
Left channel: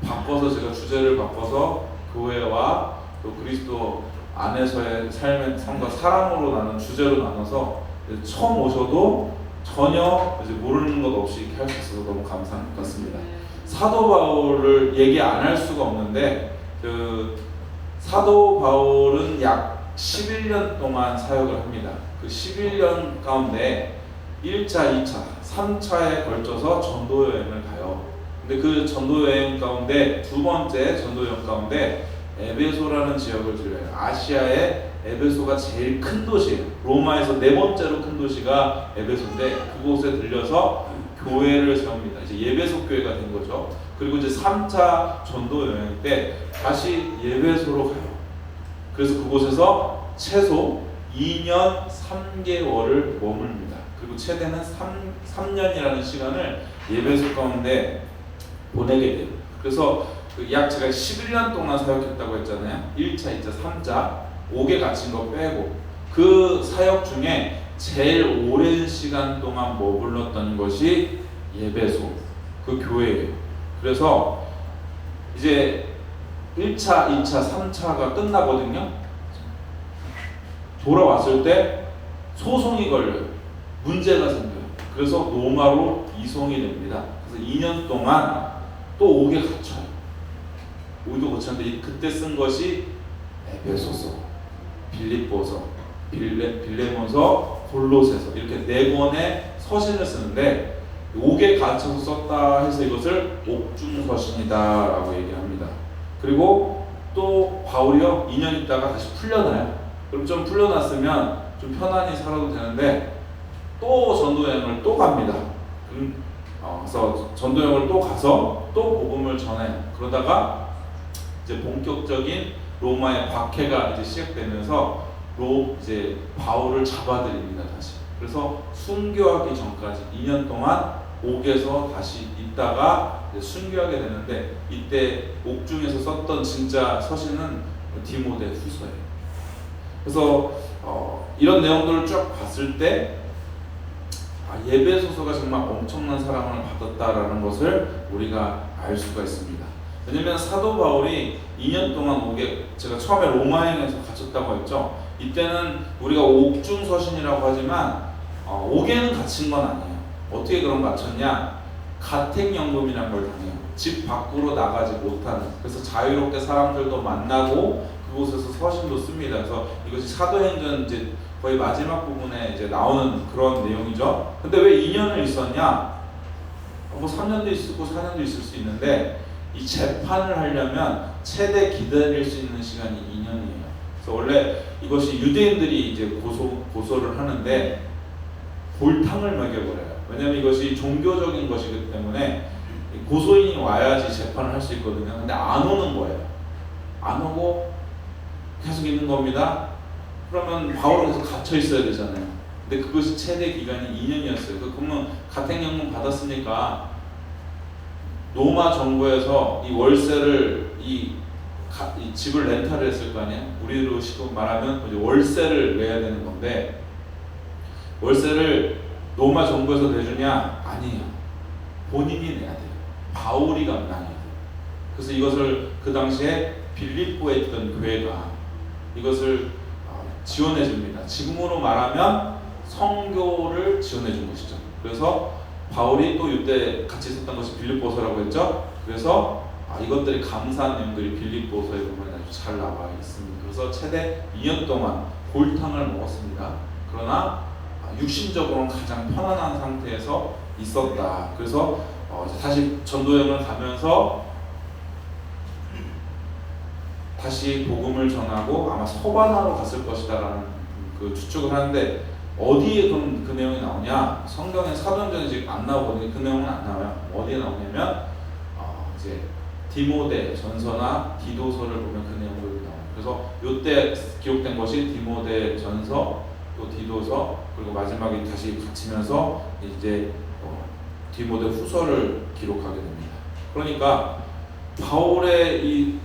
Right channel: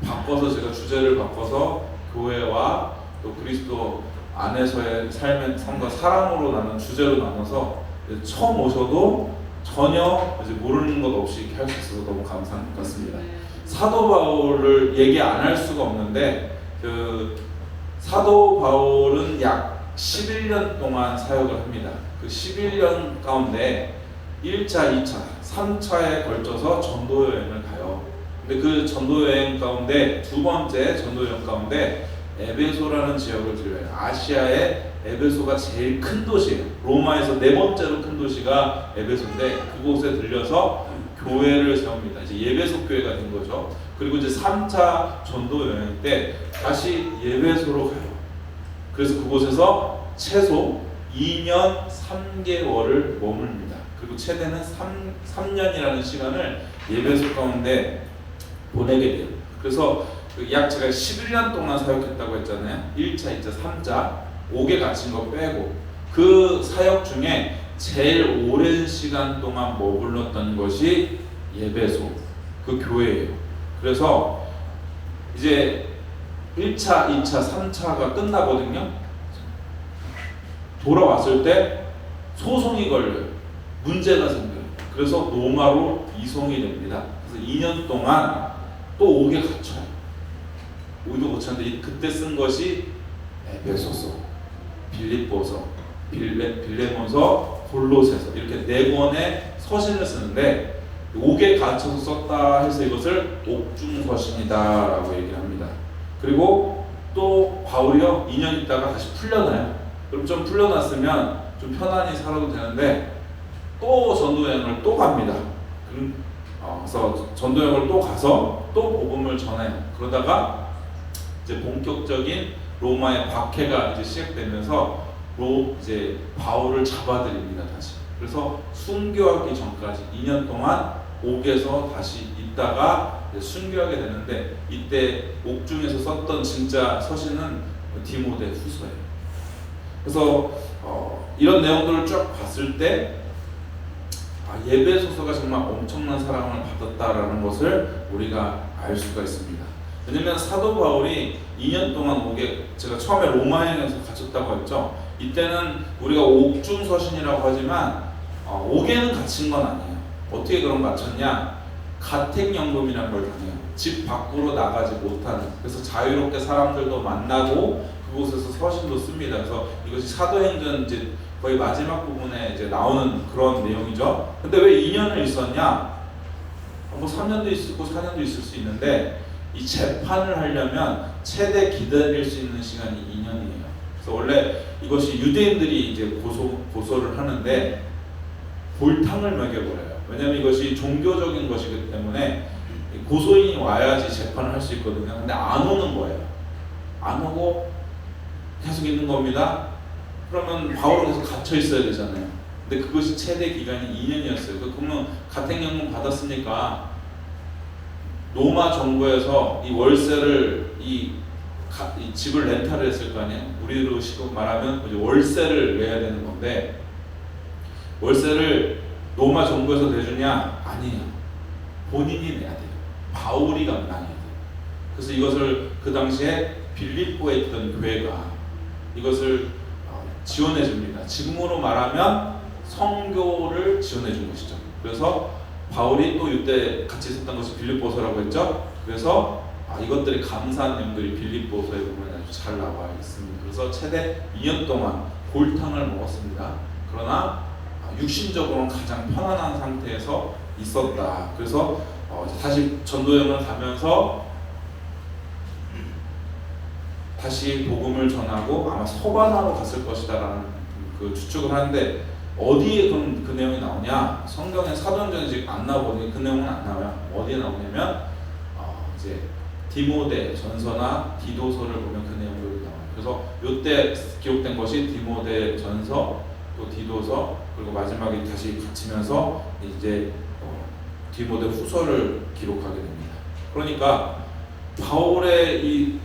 바꿔서 제가 주제를 바꿔서 교회와 또 그리스도 안에서의 삶의 삶과 사랑으로 나눈 주제로 나눠서 처음 오셔도 전혀 이제 모르는 것 없이 이렇게 할 수 있어서 너무 감사한 것 같습니다. 사도 바울을 얘기 안 할 수가 없는데 그 사도 바울은 약 11년 동안 사역을 합니다. 그 11년 가운데 1차, 2차, 3차에 걸쳐서 전도 여행을 가요. 근데 그 전도 여행 가운데 두 번째 전도 여행 가운데 에베소라는 지역을 들려요. 아시아의 에베소가 제일 큰 도시예요. 로마에서 네 번째로 큰 도시가 에베소인데 그곳에 들려서 교회를 세웁니다. 이제 예배소 교회가 된 거죠. 그리고 이제 3차 전도 여행 때 다시 예배소로 가요. 그래서 그곳에서 최소 2년 3개월을 머뭅니다. 그리고 최대는 3년이라는 시간을 예배소 가운데 보내게 돼요. 그래서 약 제가 11년 동안 사역했다고 했잖아요. 1차, 2차, 3차 5개 갇힌 거 빼고 그 사역 중에 제일 오랜 시간 동안 머물렀던 것이 예배소 그 교회예요. 그래서 이제 1차, 2차, 3차가 끝나거든요. 돌아왔을 때 소송이 걸려요. 문제가 생겨요. 그래서 로마로 이송이 됩니다. 그래서 2년 동안 또 5개 갇혀요. 5개 갇혔는데 그때 쓴 것이 에베소서, 빌립보서, 빌레몬서, 골로새서 이렇게 4권의 서신을 쓰는데 5개 갇혀서 썼다 해서 이것을 옥중서신이다라고 얘기합니다. 그리고 또 바울이요 2년 있다가 다시 풀려나요. 그럼 좀 풀려났으면 좀 편안히 살아도 되는데 또 전도여행을 또 갑니다. 그래서 전도여행을 또 가서 또 복음을 전해요. 그러다가 이제 본격적인 로마의 박해가 이제 시작되면서 이제 바울을 잡아들입니다. 다시. 그래서 순교하기 전까지 2년 동안 옥에서 다시 있다가 순교하게 되는데 이때 옥중에서 썼던 진짜 서신은 디모데 후서예요. 그래서 이런 내용들을 쭉 봤을 때 예배소서가 정말 엄청난 사랑을 받았다라는 것을 우리가 알 수가 있습니다. 왜냐하면 사도 바울이 2년 동안 옥에 제가 처음에 로마행에서 갇혔다고 했죠. 이때는 우리가 옥중서신이라고 하지만 옥에는 갇힌 건 아니에요. 어떻게 그런 갇혔냐? 가택연금이라는 걸 당해요. 집 밖으로 나가지 못하는. 그래서 자유롭게 사람들도 만나고 그곳에서 서신도 씁니다. 그래서 이것이 사도행전 이제 거의 마지막 부분에 이제 나오는 그런 내용이죠. 근데 왜 2년을 있었냐? 뭐 3년도 있고 4년도 있을 수 있는데 이 재판을 하려면 최대 기다릴 수 있는 시간이 2년이에요. 그래서 원래 이것이 유대인들이 이제 고소를 하는데 골탕을 먹여버려요. 왜냐하면 이것이 종교적인 것이기 때문에 고소인이 와야지 재판을 할 수 있거든요. 근데 안 오는 거예요. 안 오고 계속 있는 겁니다. 그러면 바울은 계속 갇혀 있어야 되잖아요. 근데 그것이 최대 기간이 2년이었어요. 그러면 가택연금 받았으니까 로마 정부에서 이 월세를 이 집을 렌탈을 했을 거 아니에요. 우리로 식으로 말하면 이제 월세를 내야 되는 건데 월세를 로마 정부에서 내주냐? 아니에요. 본인이 내야 돼요. 바울이 감당해야 돼요. 그래서 이것을 그 당시에 빌립보에 있던 교회가 이것을 지원해 줍니다. 지금으로 말하면 선교를 지원해 준 것이죠. 그래서 바울이 또 이때 같이 있었던 것이 빌립보서라고 했죠. 그래서 이것들이 감사한 내용들이 빌립보서의 부분에 아주 잘 나와 있습니다. 그래서 최대 2년 동안 골탕을 먹었습니다. 그러나 육신적으로는 가장 편안한 상태에서 있었다. 그래서 다시 전도여행을 가면서 다시 복음을 전하고 아마 소바나로 갔을 것이다라는 그 추측을 하는데 어디에 그 내용이 나오냐? 성경에 사도행전에 지금 안 나오거든요. 그 내용은 안 나와요. 어디에 나오냐면 이제 디모데 전서나 디도서를 보면 그 내용이 나와요. 그래서 이때 기록된 것이 디모데 전서, 또 디도서, 그리고 마지막에 다시 갇히면서 이제 디모데 후서를 기록하게 됩니다. 그러니까 바울의 이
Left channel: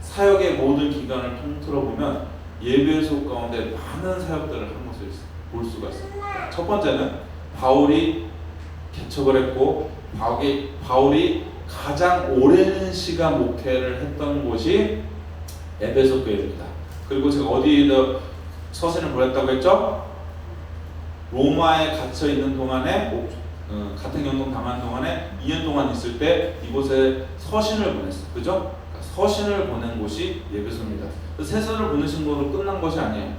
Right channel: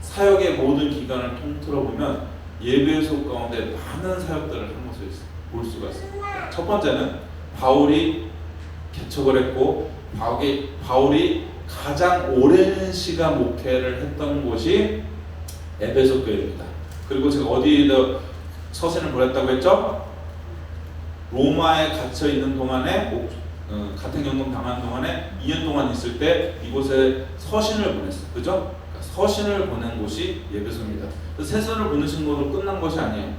사역의 모든 기간을 통틀어 보면 예배소 가운데 많은 사역들을 한 것을 볼 수가 있어요. 첫 번째는 바울이 개척을 했고 바울이 가장 오랜 시간 목회를 했던 곳이 에베소 교회입니다. 그리고 제가 어디에다 서신을 보냈다고 했죠? 로마에 갇혀 있는 동안에 가택연금 당한 동안에 2년 동안 있을 때 이곳에 서신을 보냈어요. 그죠? 그러니까 서신을 보낸 곳이 예배소입니다. 세선을 보내신 것으로 끝난 것이 아니에요.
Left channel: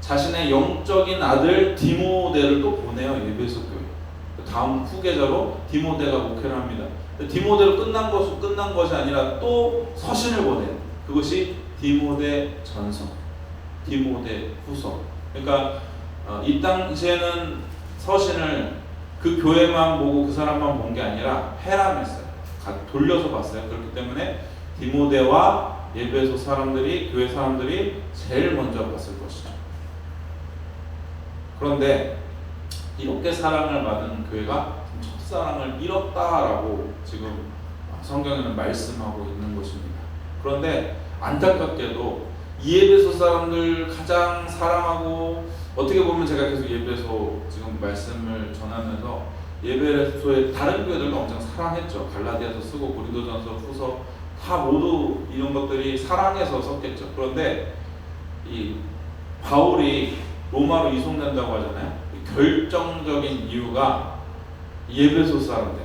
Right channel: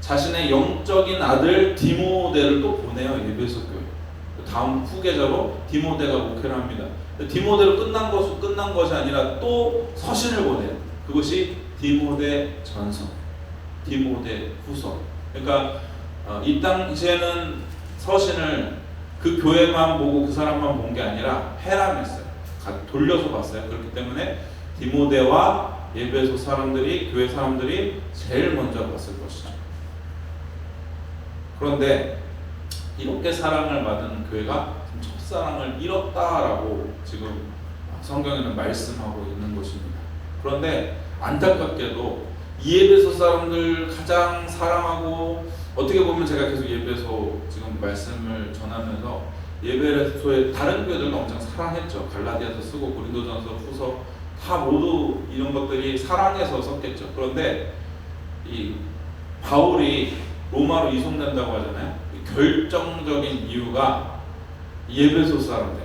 자신의 영적인 아들 디모데를 또 보내요. 예배소 교회. 다음 후계자로 디모데가 목회를 합니다. 디모데로 끝난 것이 아니라 또 서신을 보내요. 그것이 디모데 전서, 디모데 후서. 그러니까 이 당시에는 서신을 그 교회만 보고 그 사람만 본 게 아니라 해람했어요. 돌려서 봤어요. 그렇기 때문에 디모데와 예배소 사람들이, 교회 사람들이 제일 먼저 봤을 것이죠. 그런데 이렇게 사랑을 받은 교회가 첫사랑을 잃었다라고 지금 성경에는 말씀하고 있는 것입니다. 그런데 안타깝게도 이 예배소 사람들 가장 사랑하고, 어떻게 보면 제가 계속 예배소 지금 말씀을 전하면서 예배소의 다른 교회들도 엄청 사랑했죠. 갈라디아서 쓰고 고린도전서, 후서 다 모두 이런 것들이 사랑해서 썼겠죠. 그런데 이 바울이 로마로 이송된다고 하잖아요. 결정적인 이유가 예배소 사람들.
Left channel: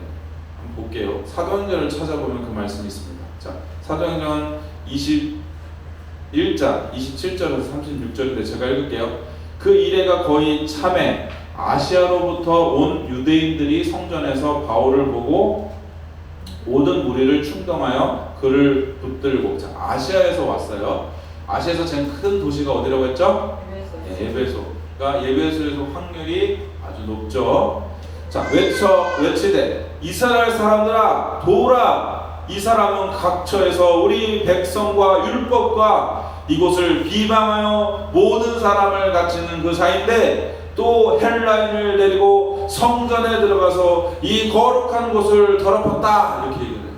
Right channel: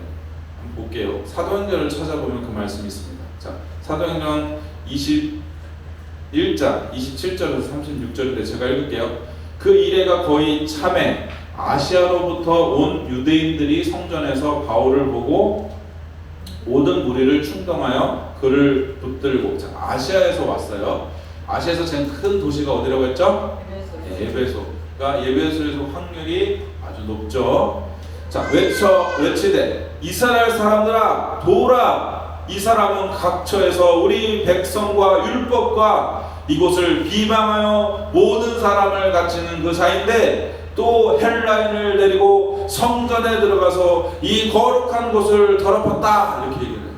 한번 볼게요. 사도행전을 찾아보면 그 말씀이 있습니다. 자, 사도행전 21장 27절에서 36절인데 제가 읽을게요. 그 이래가 거의 참에 아시아로부터 온 유대인들이 성전에서 바울을 보고 모든 무리를 충동하여 그를 붙들고. 자, 아시아에서 왔어요. 아시아에서 제일 큰 도시가 어디라고 했죠? 예배소가 예배소에서 확률이 아주 높죠. 자, 외치되 이스라엘 사람들아 도우라. 이 사람은 각처에서 우리 백성과 율법과 이곳을 비방하여 모든 사람을 갇히는 그 자인데 또 헬라인을 데리고 성전에 들어가서 이 거룩한 곳을 더럽혔다. 이렇게 얘기를 해요.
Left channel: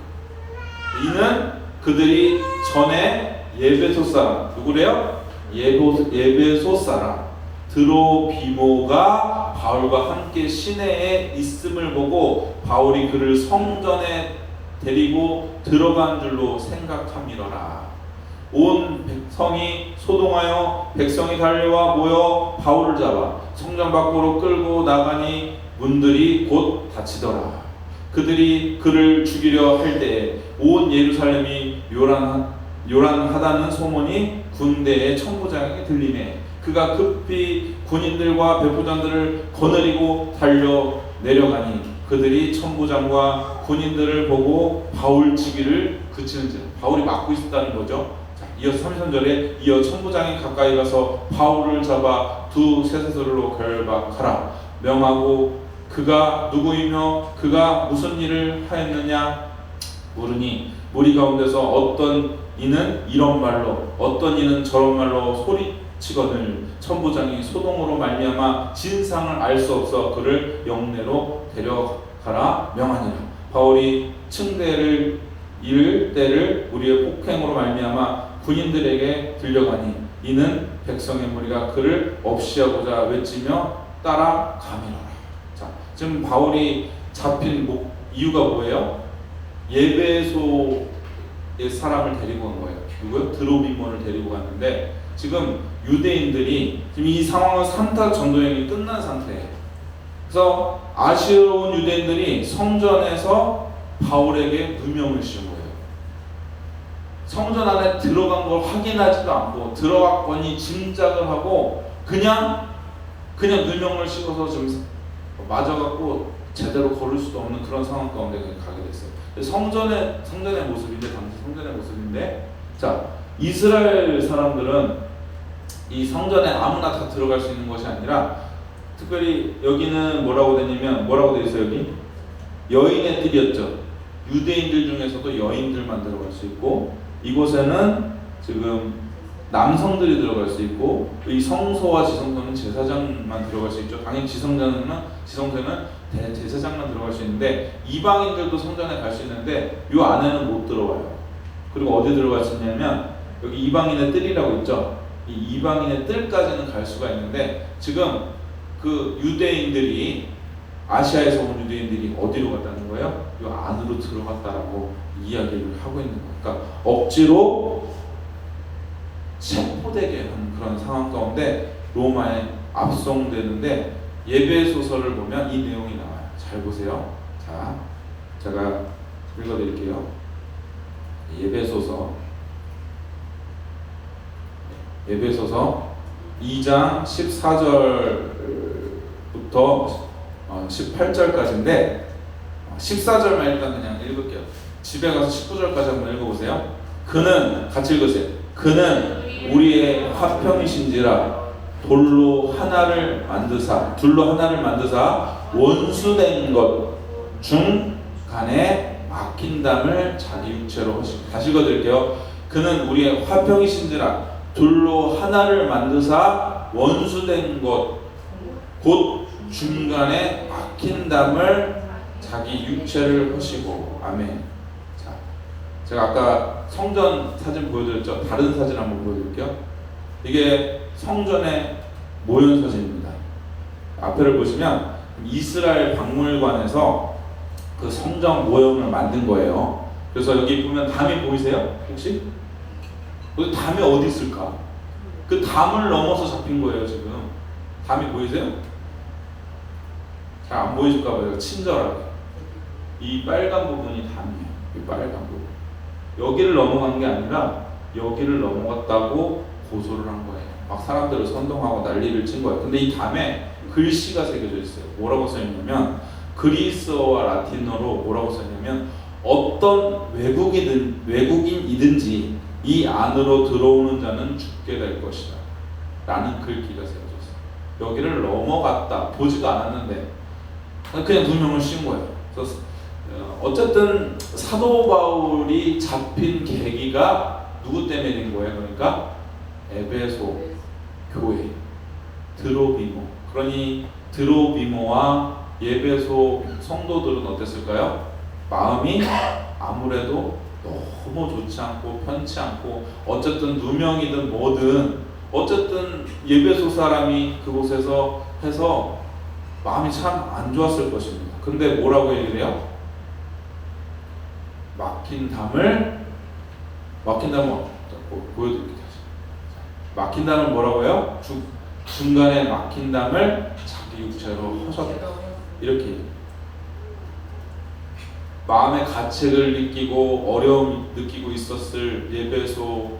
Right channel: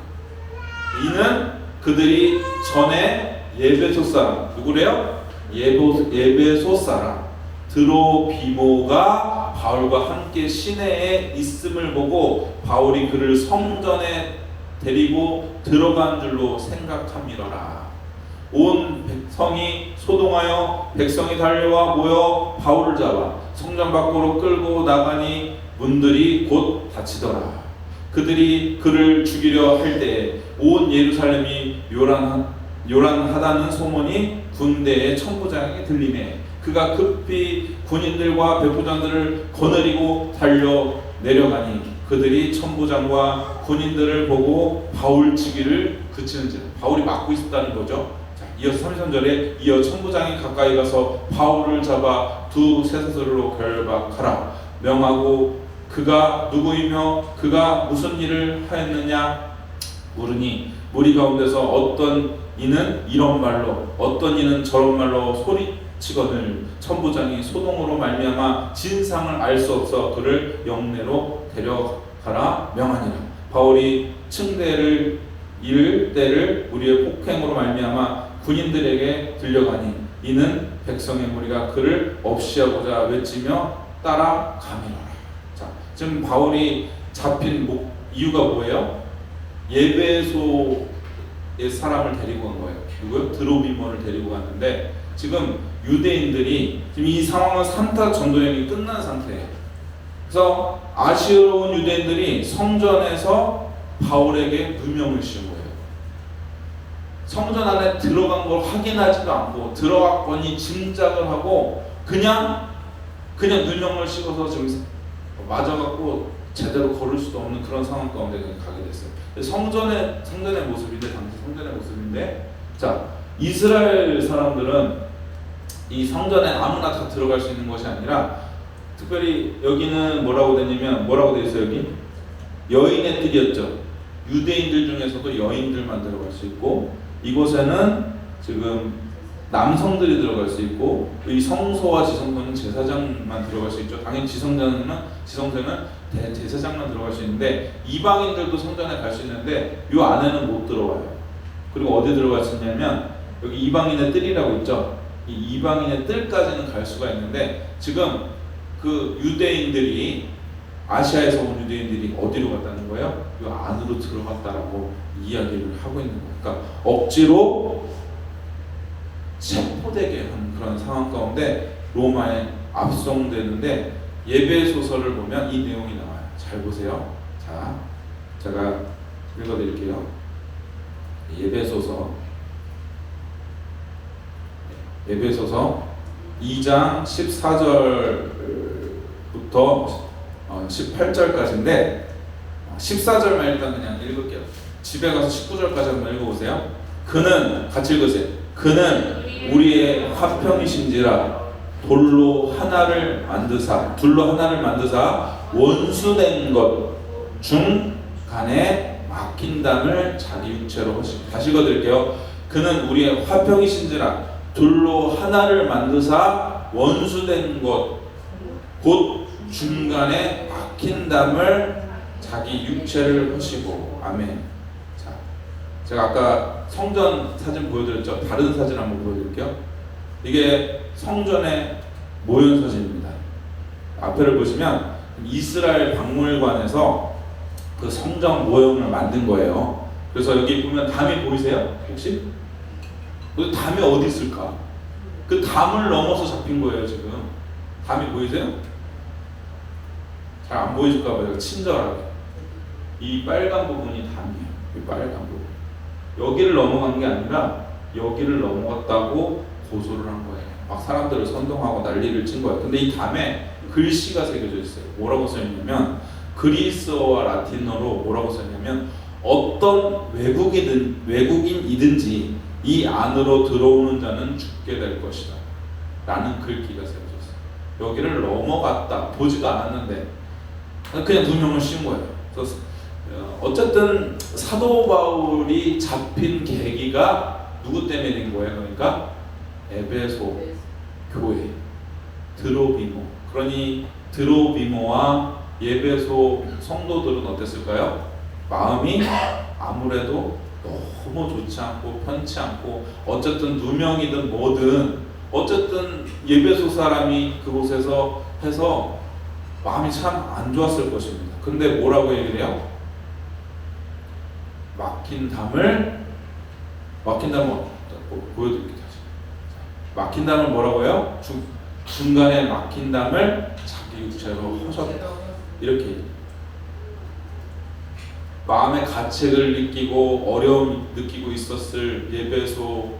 이는 그들이 전에 예배소 사람, 누구래요? 예배소 사람 드로비모가 바울과 함께 시내에 있음을 보고 바울이 그를 성전에 데리고 들어간 줄로 생각함이러라. 온 백성이 소동하여 백성이 달려와 모여 바울을 잡아 성전 밖으로 끌고 나가니 문들이 곧 닫히더라. 그들이 그를 죽이려 할 때에 온 예루살렘이 요란하다는 소문이 군대의 천부장에게 들리네. 그가 급히 군인들과 백부장들을 거느리고 달려 내려가니 그들이 천부장과 군인들을 보고 바울 치기를 그치는지라. 바울이 막고 있었다는 거죠. 자, 이어서 33절에 이어 천부장이 가까이 가서 바울을 잡아 두 쇠사슬로 결박하라 명하고 그가 누구이며 그가 무슨 일을 하였느냐 물으니 무리 가운데서 어떤 이는 이런 말로 어떤 이는 저런 말로 소리치거늘 천부장이 소동으로 말미암아 진상을 알 수 없어 그를 영내로 데려가라 명하니라. 바울이 층대를 이를 때를 우리의 폭행으로 말미암아 군인들에게 들려가니 이는 백성의 무리가 그를 없이하고자 외치며 따라가니라. 자, 지금 바울이 잡힌 이유가 뭐예요? 예배소의 사람을 데리고 온 거예요. 누구요? 드로비모를 데리고 갔는데 지금 유대인들이 지금 이 상황은 3타 전도행이 끝난 상태예요. 그래서 아시아로 온 유대인들이 성전에서 바울에게 누명을 씌운 거예요. 성전 안에 들어간 걸 확인하지도 않고 들어갔거니 짐작을 하고 그냥 누명을 씌워서 지금 맞아갖고 제대로 걸을 수도 없는 그런 상황 가운데 가게 됐어요. 성전의 모습인데 당시 성전의 모습인데 자 이스라엘 사람들은 이 성전에 아무나 다 들어갈 수 있는 것이 아니라 특별히 여기는 뭐라고 되어 있어요? 여기 여인의 뜰이었죠. 유대인들 중에서도 여인들만 들어갈 수 있고 이곳에는 지금 남성들이 들어갈 수 있고 이 성소와 지성소는 제사장만 들어갈 수 있죠. 당연히 지성소는 대제사장만 들어갈 수 있는데 이방인들도 성전에 갈 수 있는데 이 안에는 못 들어와요. 그리고 어디 들어갈 수 있냐면 여기 이방인의 뜰이라고 있죠. 이 이방인의 뜰까지는 갈 수가 있는데 지금 그 유대인들이 아시아에서 온 유대인들이 어디로 갔다는 거예요? 이 안으로 들어갔다라고 이야기를 하고 있는 거예요. 그러니까 억지로 체포되게 하는 그런 상황 가운데 로마에 압송되는데 예배소설을 보면 이 내용이 나와요. 잘 보세요. 자, 제가 읽어드릴게요. 예배소서 2장 14절부터 18절까지인데 14절만 일단 그냥 읽을게요. 집에 가서 19절까지 한번 읽어보세요. 그는 같이 읽으세요. 그는 우리의 화평이신지라 둘로 하나를 만드사 원수된 것 중 간에 막힌담을 자기 육체로 하시고. 다시 읽어드릴게요. 그는 우리의 화평이신지라 둘로 하나를 만드사 원수된 것 곧 중간에 막힌담을 자기 육체를 하시고. 아멘. 자, 제가 아까 성전 사진 보여드렸죠. 다른 사진 한번 보여드릴게요. 이게 성전의 모형 사진입니다. 앞에를 보시면 이스라엘 박물관에서 그 성전 모형을 만든 거예요. 그래서 여기 보면 담이 보이세요? 혹시? 그 담이 어디 있을까? 그 담을 넘어서 잡힌 거예요. 지금 담이 보이세요? 잘 안 보이실까 봐요. 친절하게 이 빨간 부분이 담이에요. 이 빨간 부분 여기를 넘어간 게 아니라 여기를 넘어갔다고 고소를 한 거예요. 막 사람들을 선동하고 난리를 친 거예요. 근데 이 담에 글씨가 새겨져 있어요. 뭐라고 써있냐면 그리스어와 라틴어로 뭐라고 써있냐면 어떤 외국인이든지 이 안으로 들어오는 자는 죽게 될 것이다 라는 글귀가 새겨졌어요. 여기를 넘어갔다 보지도 않았는데 그냥 누명을 씌운 거예요. 그래서 어쨌든 사도 바울이 잡힌 계기가 누구 때문에 된 거예요? 그러니까 에베소 교회 드로비모. 그러니 드로비모와 예배소 성도들은 어땠을까요? 마음이 아무래도 너무 좋지 않고 편치 않고 어쨌든 누명이든 뭐든 어쨌든 예배소 사람이 그곳에서 해서 마음이 참 안 좋았을 것입니다. 근데 뭐라고 얘기를 해요? 막힌 담을 보여드릴게요. 막힌 담을 뭐라고 해요? 중간에 막힌 담을 자기 육체로 하셨다. 이렇게 마음의 가책을 느끼고 어려움 느끼고 있었을 예배소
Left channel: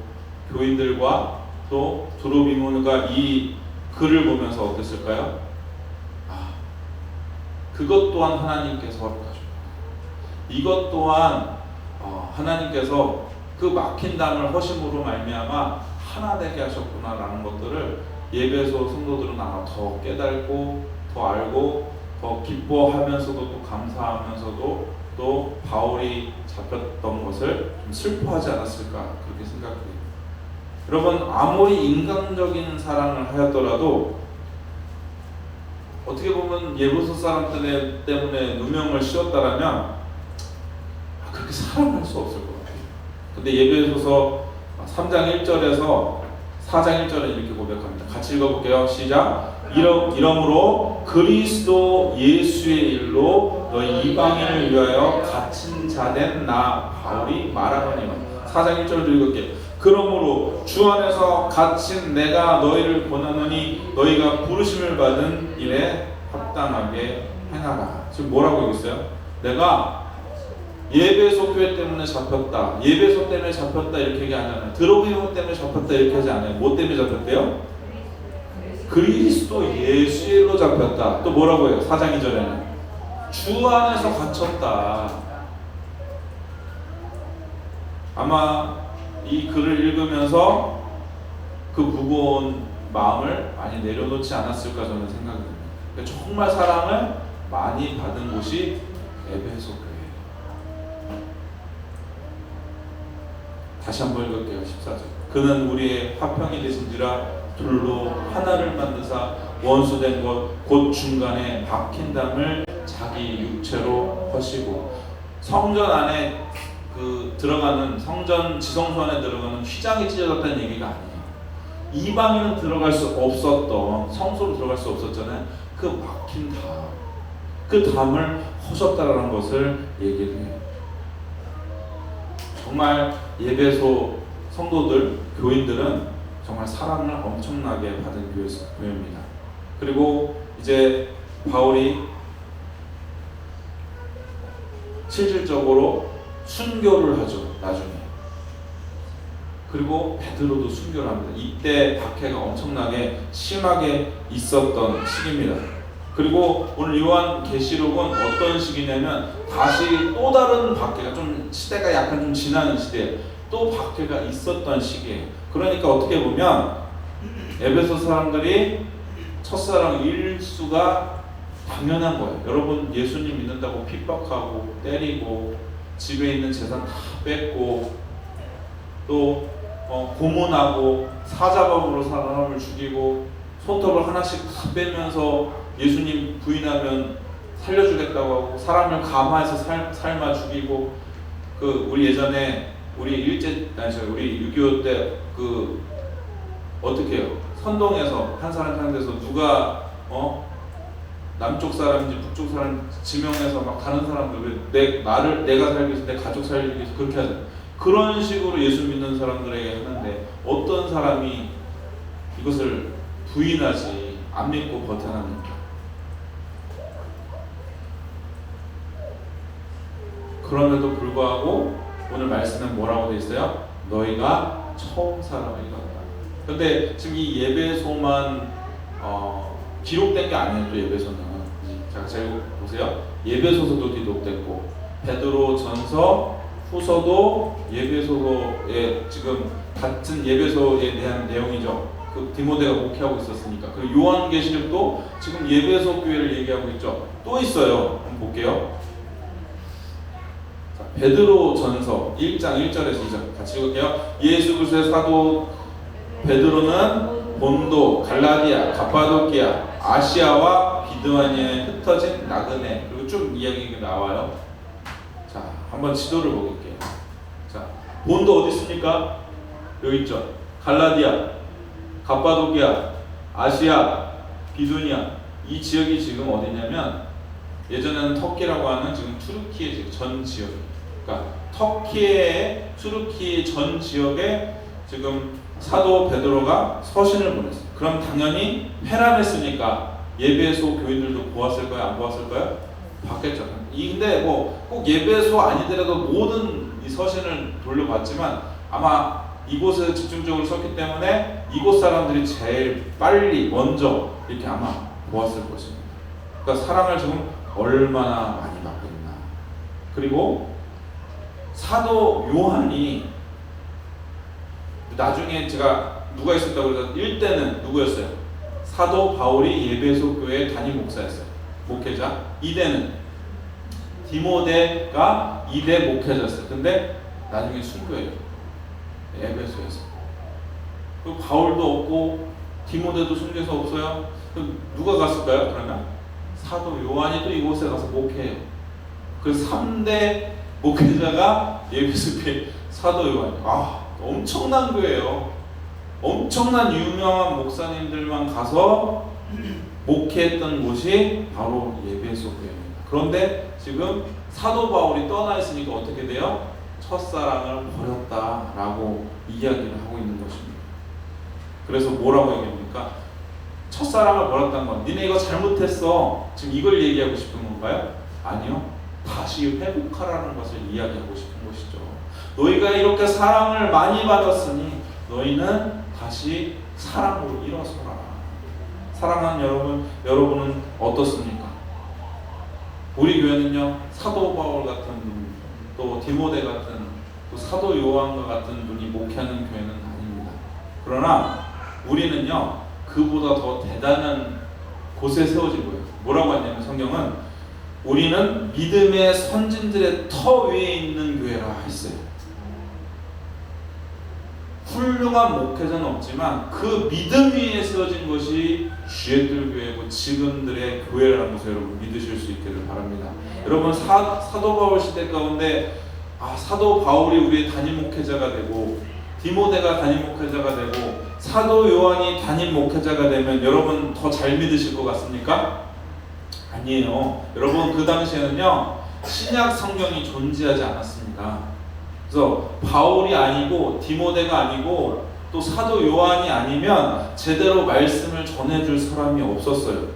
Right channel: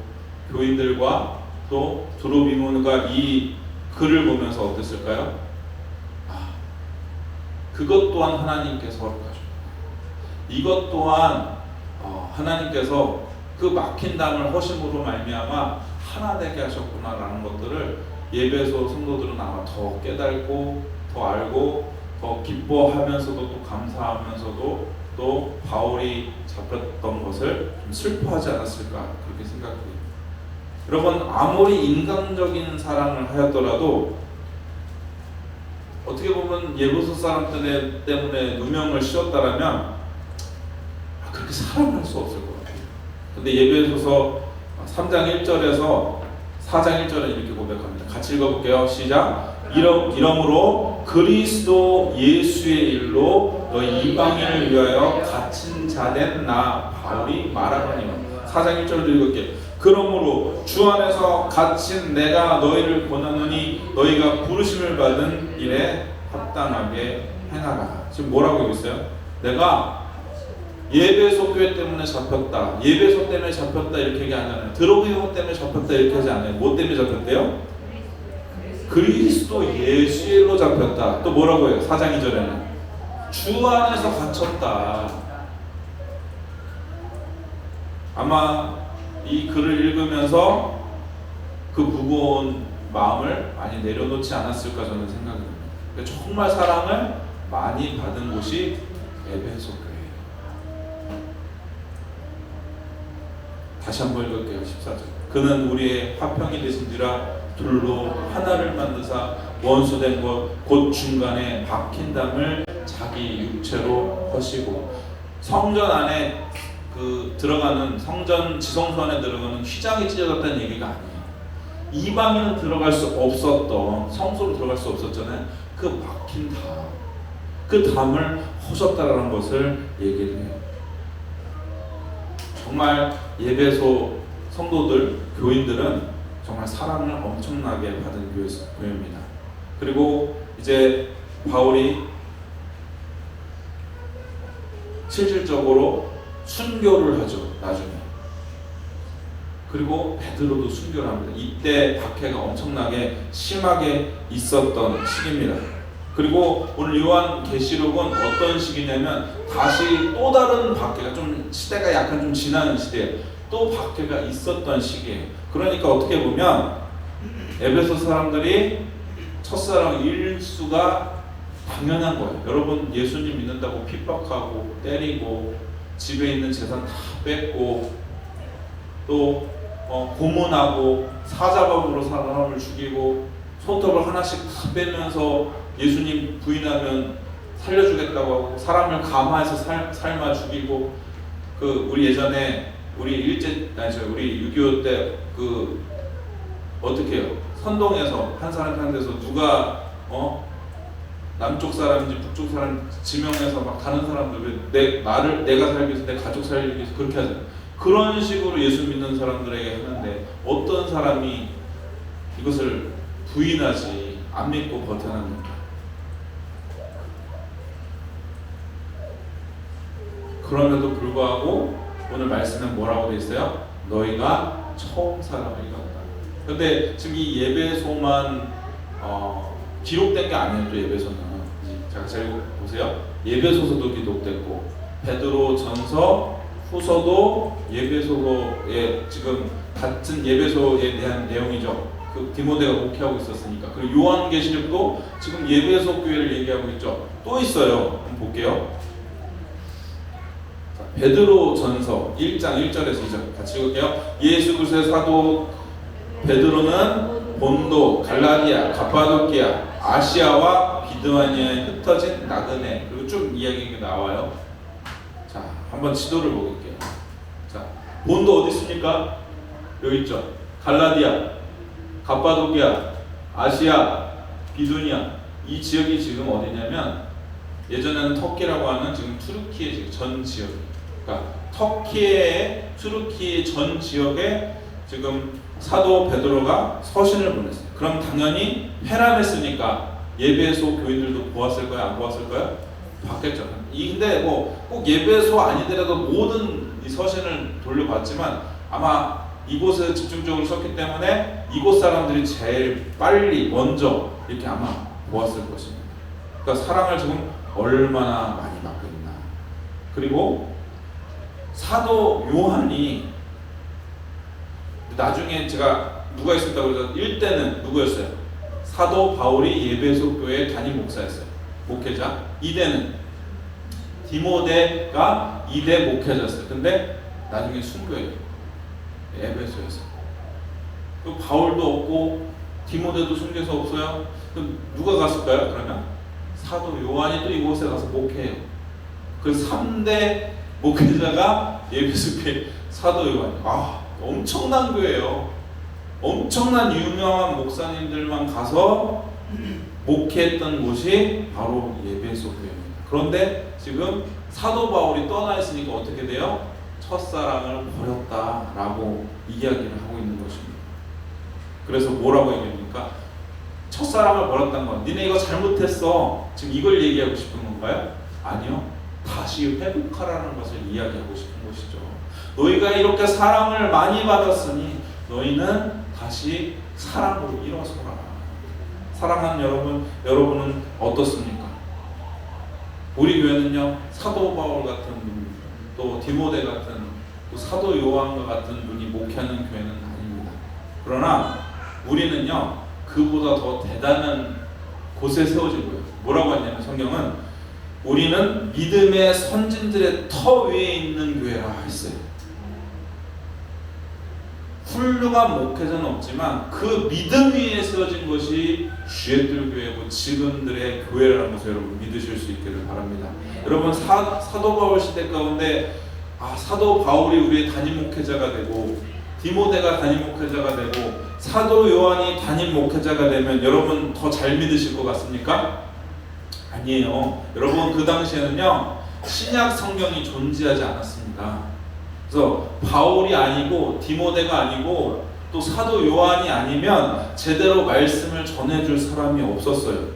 교인들과 또 드로비모가 이 글을 보면서 어땠을까요? 그것 또한 하나님께서 허락하셨다. 이것 또한 하나님께서 그 막힌 담을 허심으로 말미암아 하나 되게 하셨구나라는 것들을 예배소 성도들은 아마 더 깨닫고 더 알고 더 기뻐하면서도 또 감사하면서도 또 바울이 잡혔던 것을 좀 슬퍼하지 않았을까 그렇게 생각해요. 여러분 아무리 인간적인 사랑을 하였더라도 어떻게 보면 예배소 사람들 때문에 누명을 씌웠다라면 그렇게 사랑할 수 없을 것 같아요. 근데 예배소서 3장 1절에서 4장 1절에 이렇게 고백합니다. 같이 읽어볼게요. 시작. 이러므로 그리스도 예수의 일로 너희 이방인을 위하여 갇힌 자된 나 바울이 말하노니. 4장 1절도 읽을게요. 그러므로 주 안에서 갇힌 내가 너희를 권하노니 너희가 부르심을 받은 일에 합당하게 행하라. 지금 뭐라고 하고 있어요? 내가 예배소 교회 때문에 잡혔다, 예배소 때문에 잡혔다 이렇게 얘기 안 하잖아요. 드로비모 때문에 잡혔다 이렇게 하지 않아요. 뭐 때문에 잡혔대요? 그리스도 예수로 잡혔다. 또 뭐라고 해요? 4장 2절에는 주 안에서 갇혔다. 아마 이 글을 읽으면서 그 무거운 마음을 많이 내려놓지 않았을까 저는 생각합니다. 그러니까 정말 사랑을 많이 받은 곳이 에베소 교회예요. 다시 한번 읽을게요. 14절. 그는 우리의 화평이 되신지라 둘로 하나를 만드사 원수된 것 곧 중간에 박힌 담을 자기 육체로 하시고. 성전 안에 들어가는 성전 지성소 안에 들어가는 휘장이 찢어졌다는 얘기가 아니에요. 이방인은 들어갈 수 없었던 성소로 들어갈 수 없었잖아요. 그 막힌 담, 그 담을 허셨다라는 것을 얘기를 해요. 정말 예배소 성도들, 교인들은 정말 사랑을 엄청나게 받은 교회입니다. 그리고 이제 바울이 실질적으로 순교를 하죠. 나중에 그리고 베드로도 순교를 합니다. 이때 박해가 엄청나게 심하게 있었던 시기입니다. 그리고 오늘 요한계시록은 어떤 시기냐면 다시 또 다른 박해가, 좀 시대가 약간 좀 지나는 시대에 또 박해가 있었던 시기예요. 그러니까 어떻게 보면 에베소 사람들이 첫사랑 일수가 당연한 거예요. 여러분 예수님 믿는다고 핍박하고 때리고 집에 있는 재산 다 뺏고 또 고문하고 사자범으로 사람을 죽이고 손톱을 하나씩 다 빼면서 예수님 부인하면 살려주겠다고 하고 사람을 감화해서 삶아 죽이고, 그 우리 예전에 우리 6.25 때 그 어떻게 해요? 선동에서 한 사람 상대해서 누가 남쪽 사람인지 북쪽 사람 지명해서 막 다른 사람들 내가 살기 위해서 내 가족 살기 위해서 그렇게 하잖아요. 그런 식으로 예수 믿는 사람들에게 했는데 어떤 사람이 이것을 부인하지 안 믿고 버텨납니까? 그럼에도 불구하고 오늘 말씀은 뭐라고 되어 있어요? 너희가 처음 사랑이라고. 근데 지금 이 예배소만 기록된 게 아니에요. 또 예배소는 자, 잘 보세요. 예배소서도 기록됐고 베드로전서 후서도 예배소에 지금 같은 예배소에 대한 내용이죠. 그 디모데가 목회하고 있었으니까. 그리고 요한계시록도 지금 예배소 교회를 얘기하고 있죠. 또 있어요. 한번 볼게요. 자, 베드로전서 1장 1절에서 2절 같이 읽을게요. 예수 그리스도의 사도 베드로는 본도, 갈라디아, 갑바도키아, 아시아와 비두아니아에 흩어진 나그네, 그리고 쭉 이야기가 나와요. 자, 한번 지도를 보겠게요. 자, 본도 어디 있습니까? 여기 있죠. 갈라디아, 갑바도키아, 아시아, 비두니아. 이 지역이 지금 어디냐면 예전에는 터키라고 하는 지금 투르키의 지금 전 지역. 그러니까 터키의 투르키 전 지역에 지금 사도 베드로가 서신을 보냈어요. 그럼 당연히 회람했으니까 예배소 교인들도 보았을 거예요? 안 보았을 거예요? 봤겠죠. 근데 뭐 꼭 예배소 아니더라도 모든 이 서신을 돌려봤지만 아마 이곳에 집중적으로 썼기 때문에 이곳 사람들이 제일 빨리 먼저 이렇게 아마 보았을 것입니다. 그러니까 사랑을 지금 얼마나 많이 받고 있나. 그리고 사도 요한이 나중에 제가 누가 있었다고 해서 1대는 누구였어요? 사도 바울이 예배소 교회 담임 목사였어요. 목회자. 2대는 디모데가 2대 목회자였어요. 근데 나중에 순교해요. 에베소에서. 그 바울도 없고 디모데도 순교해서 없어요. 그럼 누가 갔을까요? 그러면 사도 요한이 또 이곳에 가서 목회해요. 그 3대 목회자가 예배소 교회 사도 요한이에요. 엄청난 교회예요. 엄청난 유명한 목사님들만 가서 목회했던 곳이 바로 예배소 교회입니다. 그런데 지금 사도 바울이 떠나 있으니까 어떻게 돼요? 첫사랑을 버렸다라고 이야기를 하고 있는 것입니다. 그래서 뭐라고 얘기합니까? 첫사랑을 버렸다는 건 니네 이거 잘못했어. 지금 이걸 얘기하고 싶은 건가요? 아니요. 다시 회복하라는 것을 이야기하고 싶은 것이죠. 너희가 이렇게 사랑을 많이 받았으니 너희는 다시 사랑으로 일어서라. 사랑하는 여러분은 어떻습니까? 우리 교회는요, 사도 바울 같은 분, 또 디모데 같은, 또 사도 요한과 같은 분이 목회하는 교회는 아닙니다. 그러나 우리는요, 그보다 더 대단한 곳에 세워진 거예요. 뭐라고 하냐면 성경은 우리는 믿음의 선진들의 터 위에 있는 교회라 했어요. 훌륭한 목회자는 없지만 그 믿음 위에 세워진 것이 주의들 교회고 지금들의 교회라는 것을 여러분 믿으실 수 있기를 바랍니다. 여러분 사도 바울 시대 가운데 사도 바울이 우리의 담임 목회자가 되고 디모데가 담임 목회자가 되고 사도 요한이 담임 목회자가 되면 여러분 더 잘 믿으실 것 같습니까? 아니에요. 여러분 그 당시에는요 신약 성경이 존재하지 않았습니다. 그래서 바울이 아니고 디모데가 아니고 또 사도 요한이 아니면 제대로 말씀을 전해줄 사람이 없었어요.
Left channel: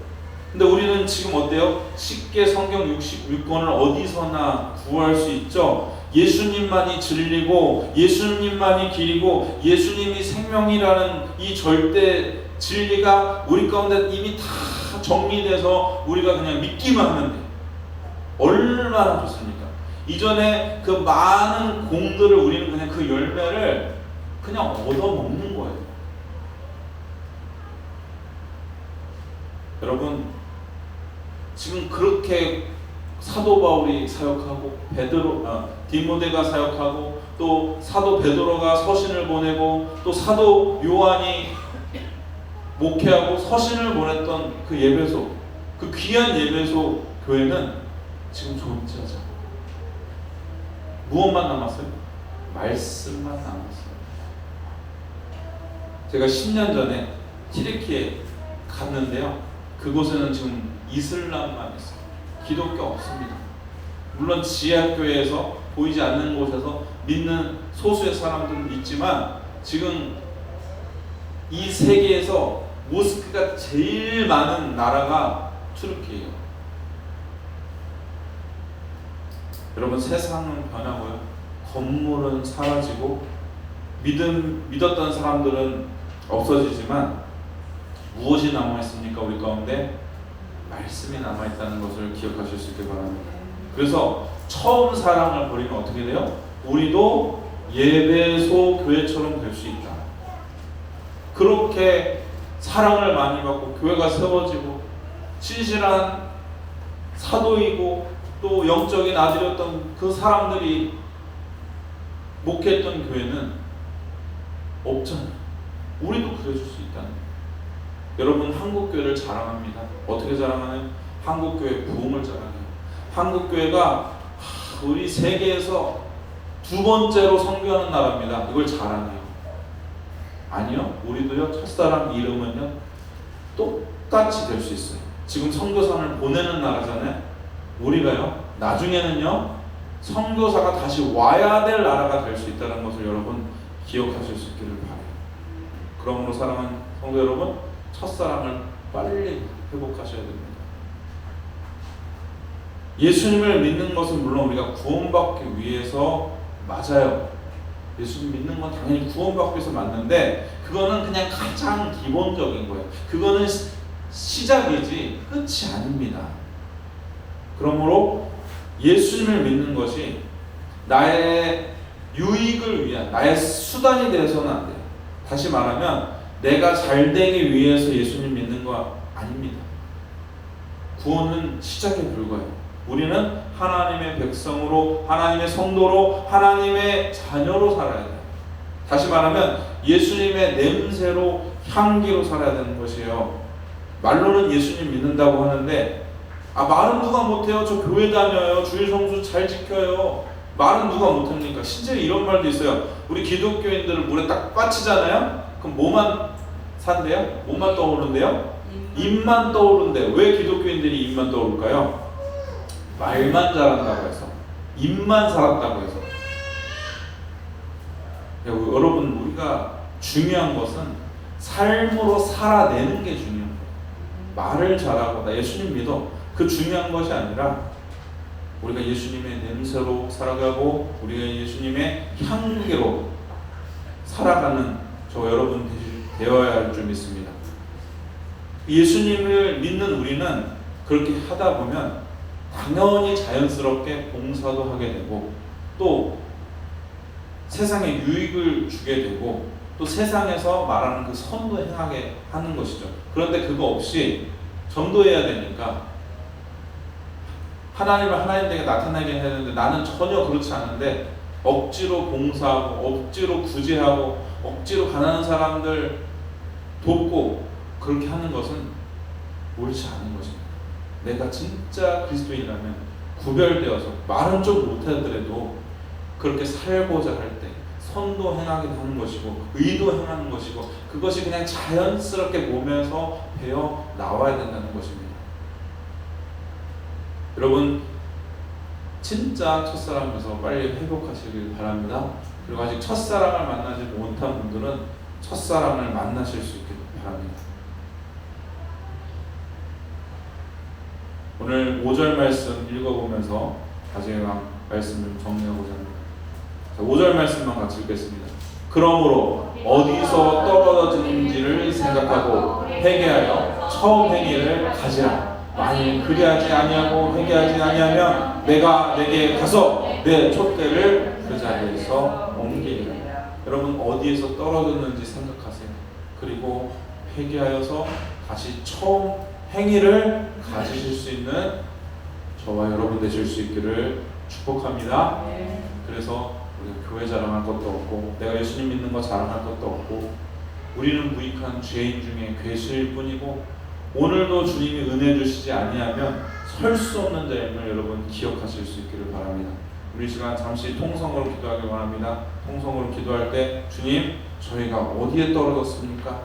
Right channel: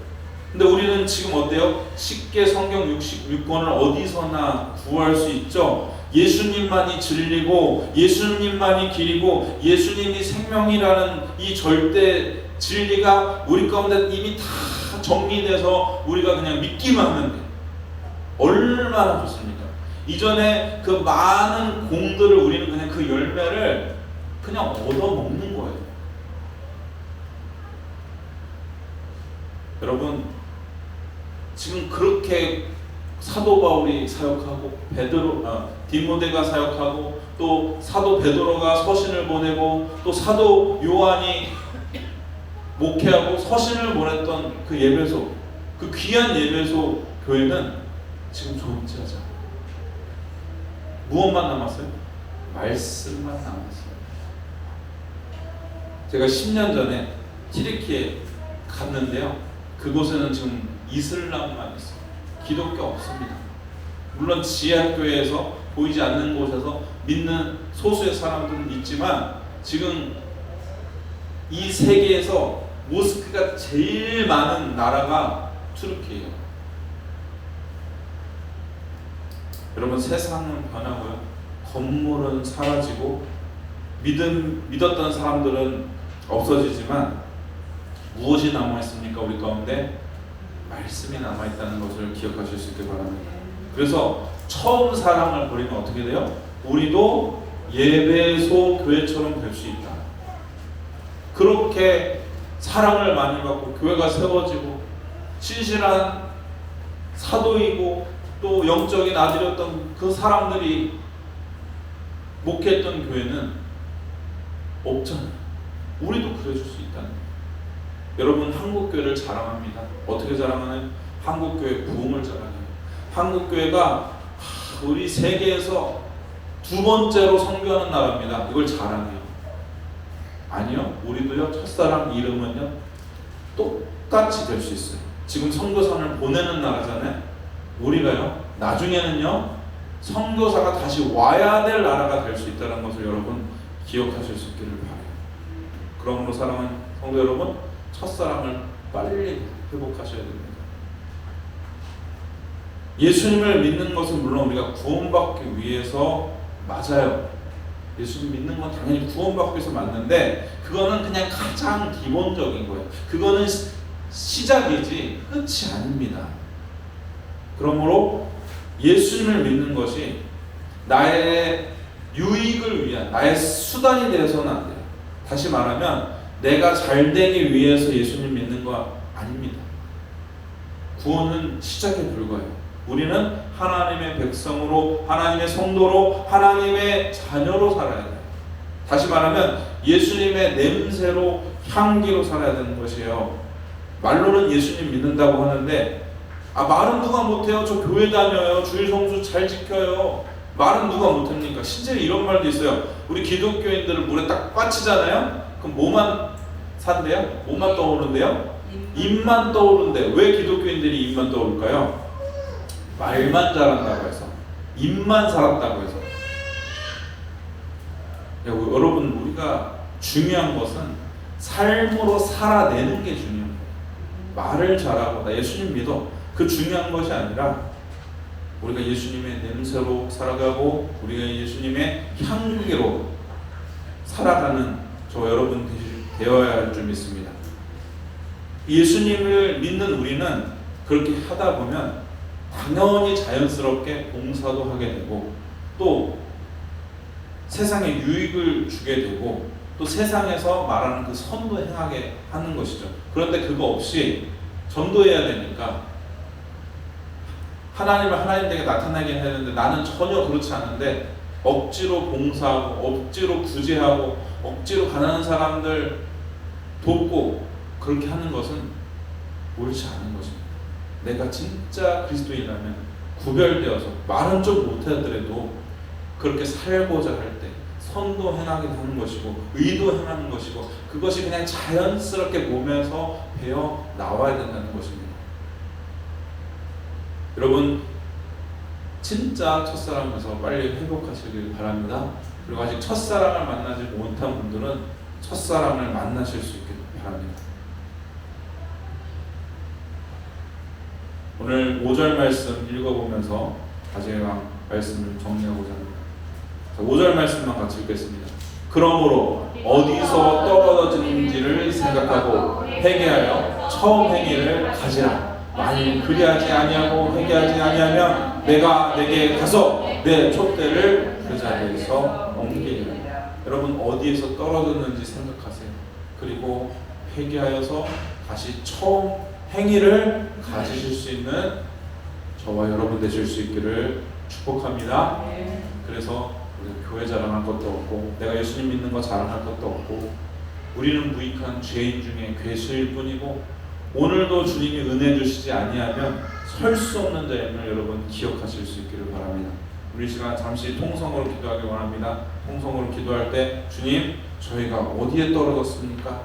근데 우리는 지금 어때요? 쉽게 성경 66권을 어디서나 구할 수 있죠. 예수님만이 진리고 예수님만이 길이고 예수님이 생명이라는 이 절대 진리가 우리 가운데 이미 다 정리돼서 우리가 그냥 믿기만 하면 돼요. 얼마나 좋습니까? 이전에 그 많은 공들을 우리는 그냥 그 열매를 그냥 얻어먹는 거예요. 여러분, 지금 그렇게 사도 바울이 사역하고 디모데가 사역하고 또 사도 베드로가 서신을 보내고 또 사도 요한이 목회하고 서신을 보냈던 그 예배소, 그 귀한 예배소 교회는 지금 존재하죠. 무엇만 남았어요? 말씀만 남았어요. 제가 10년 전에 튀르키에 갔는데요. 그곳에는 지금 이슬람만 있어요. 기독교 없습니다. 물론 지하교회에서 보이지 않는 곳에서 믿는 소수의 사람들은 있지만 지금 이 세계에서 모스크가 제일 많은 나라가 튀르키예요. 여러분, 세상은 변하고요. 건물은 사라지고 믿었던 사람들은 없어지지만 무엇이 남아있습니까? 우리 가운데 말씀이 남아있다는 것을 기억하실 수 있길 바랍니다. 그래서 처음 사랑을 버리면 어떻게 돼요? 우리도 예배소 교회처럼 될 수 있다. 그렇게 사랑을 많이 받고 교회가 세워지고 신실한 사도이고 또 영적인 아들이었던 그 사람들이 목회했던 교회는 없잖아요. 우리도 그래줄 수 있다는 거예요. 여러분, 한국교회를 자랑합니다. 어떻게 자랑하나요? 한국교회 부흥을 자랑해요. 한국교회가 우리 세계에서 두 번째로 선교하는 나라입니다. 이걸 자랑해요. 아니요, 우리도요, 첫사랑 이름은요 똑같이 될 수 있어요. 지금 선교사를 보내는 나라잖아요. 우리가요 나중에는요 선교사가 다시 와야 될 나라가 될 수 있다는 것을 여러분 기억하실 수 있기를 바라요. 그러므로 사랑하는 성도 여러분, 첫사랑을 빨리 회복하셔야 됩니다. 예수님을 믿는 것은 물론 우리가 구원받기 위해서 맞아요. 예수님 믿는 건 당연히 구원받기 위해서 맞는데 그거는 그냥 가장 기본적인 거예요. 그거는 시작이지 끝이 아닙니다. 그러므로 예수님을 믿는 것이 나의 유익을 위한 나의 수단이 되어서는 안 돼요. 다시 말하면 내가 잘 되기 위해서 예수님 믿는 거 아닙니다. 구원은 시작에 불과해요. 우리는 하나님의 백성으로, 하나님의 성도로, 하나님의 자녀로 살아야 돼요. 다시 말하면 예수님의 냄새로, 향기로 살아야 되는 것이에요. 말로는 예수님 믿는다고 하는데 말은 누가 못해요? 저 교회 다녀요. 주일 성수 잘 지켜요. 말은 누가 못합니까? 실제 이런 말도 있어요. 우리 기독교인들을 물에 딱 빠치잖아요. 그럼 뭐만 산대요? 뭐만 떠오른대요? 입만 떠오른대요. 왜 기독교인들이 입만 떠오를까요? 말만 잘한다고 해서, 입만 살았다고 해서. 여러분, 우리가 중요한 것은 삶으로 살아내는 게 중요한 거예요. 말을 잘하고 나 예수님 믿어, 그 중요한 것이 아니라 우리가 예수님의 냄새로 살아가고 우리가 예수님의 향기로 살아가는 저 여러분 되어야 할 줄 믿습니다. 예수님을 믿는 우리는 그렇게 하다 보면 당연히 자연스럽게 봉사도 하게 되고 또 세상에 유익을 주게 되고 또 세상에서 말하는 그 선도 행하게 하는 것이죠. 그런데 그거 없이 전도해야 되니까 하나님을 하나님에게 나타나게 해야 되는데 나는 전혀 그렇지 않은데 억지로 봉사하고 억지로 구제하고 억지로 가난한 사람들 돕고 그렇게 하는 것은 옳지 않은 것입니다. 내가 진짜 그리스도인이라면 구별되어서 말은 좀 못하더라도 그렇게 살고자 할 때 선도 행하게 하는 것이고 의도 행하는 것이고 그것이 그냥 자연스럽게 몸에서 배어 나와야 된다는 것입니다. 여러분, 진짜 첫사랑에서 빨리 회복하시길 바랍니다. 그리고 아직 첫사랑을 만나지 못한 분들은 첫사랑을 만나실 수 있길 바랍니다. 오늘 5절 말씀 읽어보면서 마지막 말씀을 정리하고자 합니다. 5절 말씀만 같이 읽겠습니다. 그러므로 어디서 떨어졌는지를 생각하고 회개하여 처음 행위를 가지라. 만일 그리하지 아니하고 회개하지 아니하면 내가 내게 가서 내 촛대를 그 자리에서 옮기리라. 여러분 어디에서 떨어졌는지 생각하세요. 그리고 회개하여서 다시 처음 행위를 가지실 수 있는 저와 여러분 되실 수 있기를 축복합니다. 그래서 우리가 교회 자랑할 것도 없고 내가 예수님 믿는 거 자랑할 것도 없고 우리는 무익한 죄인 중에 괴수일 뿐이고 오늘도 주님이 은혜 주시지 아니하면 설 수 없는 자임을 여러분 기억하실 수 있기를 바랍니다. 우리 시간 잠시 통성으로 기도하기 원합니다. 통성으로 기도할 때 주님 저희가 어디에 떨어졌습니까?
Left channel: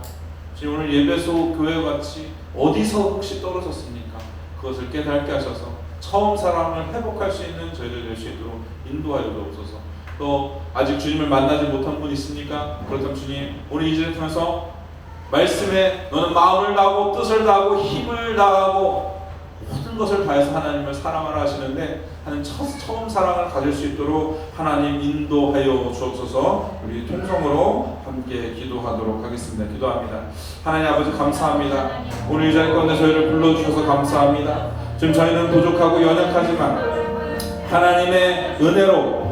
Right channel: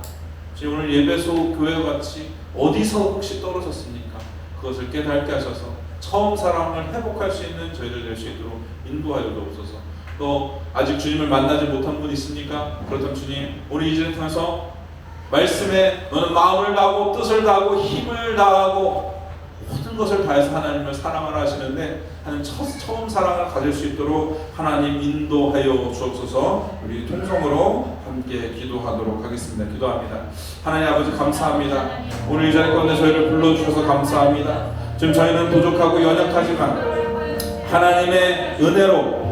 지금 오늘 예배소 교회같이 어디서 혹시 떨어졌습니까? 그것을 깨닫게 하셔서 처음 사랑을 회복할 수 있는 저희들 될 수 있도록 인도하여 주옵소서. 또 아직 주님을 만나지 못한 분 있습니까? 그렇다면 주님 우리 이제를 통해서 말씀에 너는 마음을 다하고 뜻을 다하고 힘을 다하고 모든 것을 다해서 하나님을 사랑을 하시는데 하는 처음 사랑을 가질 수 있도록 하나님 인도하여 주옵소서. 우리 통성으로 함께 기도하도록 하겠습니다. 기도합니다. 하나님 아버지 감사합니다. 오늘 이 자리 가운데 저희를 불러주셔서 감사합니다. 지금 저희는 부족하고 연약하지만 하나님의 은혜로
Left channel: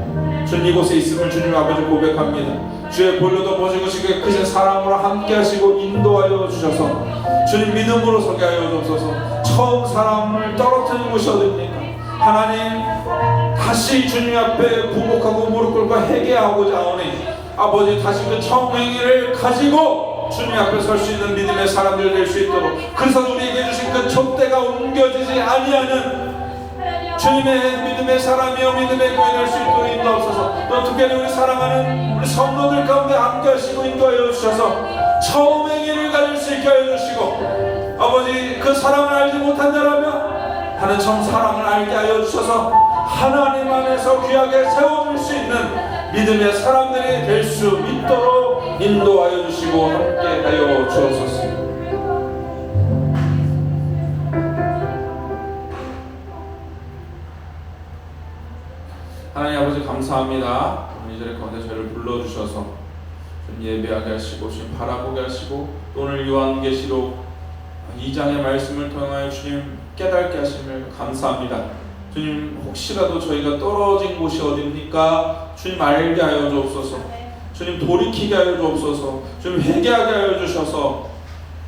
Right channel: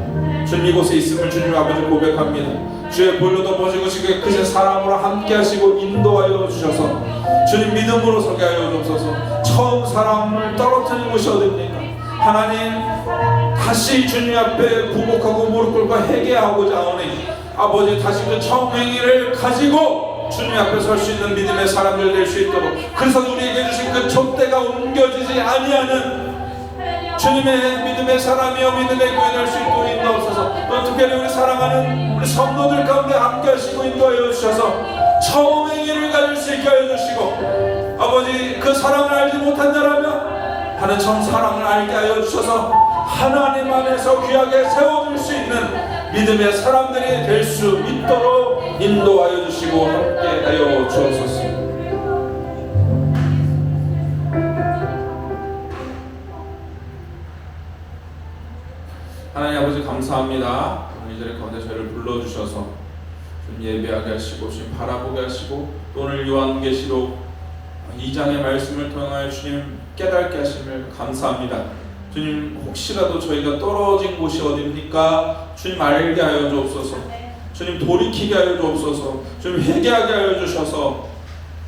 주님 이곳에 있음을 주님 아버지 고백합니다. 주의 볼로도 보시고 크신 사랑으로 함께 하시고 인도하여 주셔서 주님 믿음으로 서게 하여 주옵소서. 처음 사랑을 떨어뜨린 곳이 어딥니까? 하나님 다시 주님 앞에 굴복하고 무릎 꿇고 회개하고자 하오니 아버지 다시 그 처음 행위를 가지고 주님 앞에 설 수 있는 믿음의 사람들 될 수 있도록 그래서 우리에게 주신 그 촛대가 옮겨지지 아니하는 주님의 믿음의 사람이여 믿음의 교회 될 수 있도록 인도하옵소서. 또 특별히 우리 사랑하는 우리 성도들 가운데 함께 하시고 인도하여 주셔서 처음 행위를 가질 수 있게 하여 주시고 아버지 그 사랑을 알지 못한 자라면 하는 처음 사랑을 알게 하여 주셔서 하나님 안에서 귀하게 세워줄 수 있는 믿음의 사람들이 될 수 있도록 인도하여 주시고 함께 하여 주옵소서. 하나님 아버지 감사합니다. 오늘 이 자리 가운데 저희를 불러주셔서 좀 예배하게 하시고 좀 바라보게 하시고 오늘 요한계시록 2장의 말씀을 통하여 주님 깨닫게 하심을 감사합니다. 주님 혹시라도 저희가 떨어진 곳이 어딥니까? 주님 알게 하여 주옵소서. 주님 돌이키게 하여 주옵소서. 주님 회개하게 하여 주셔서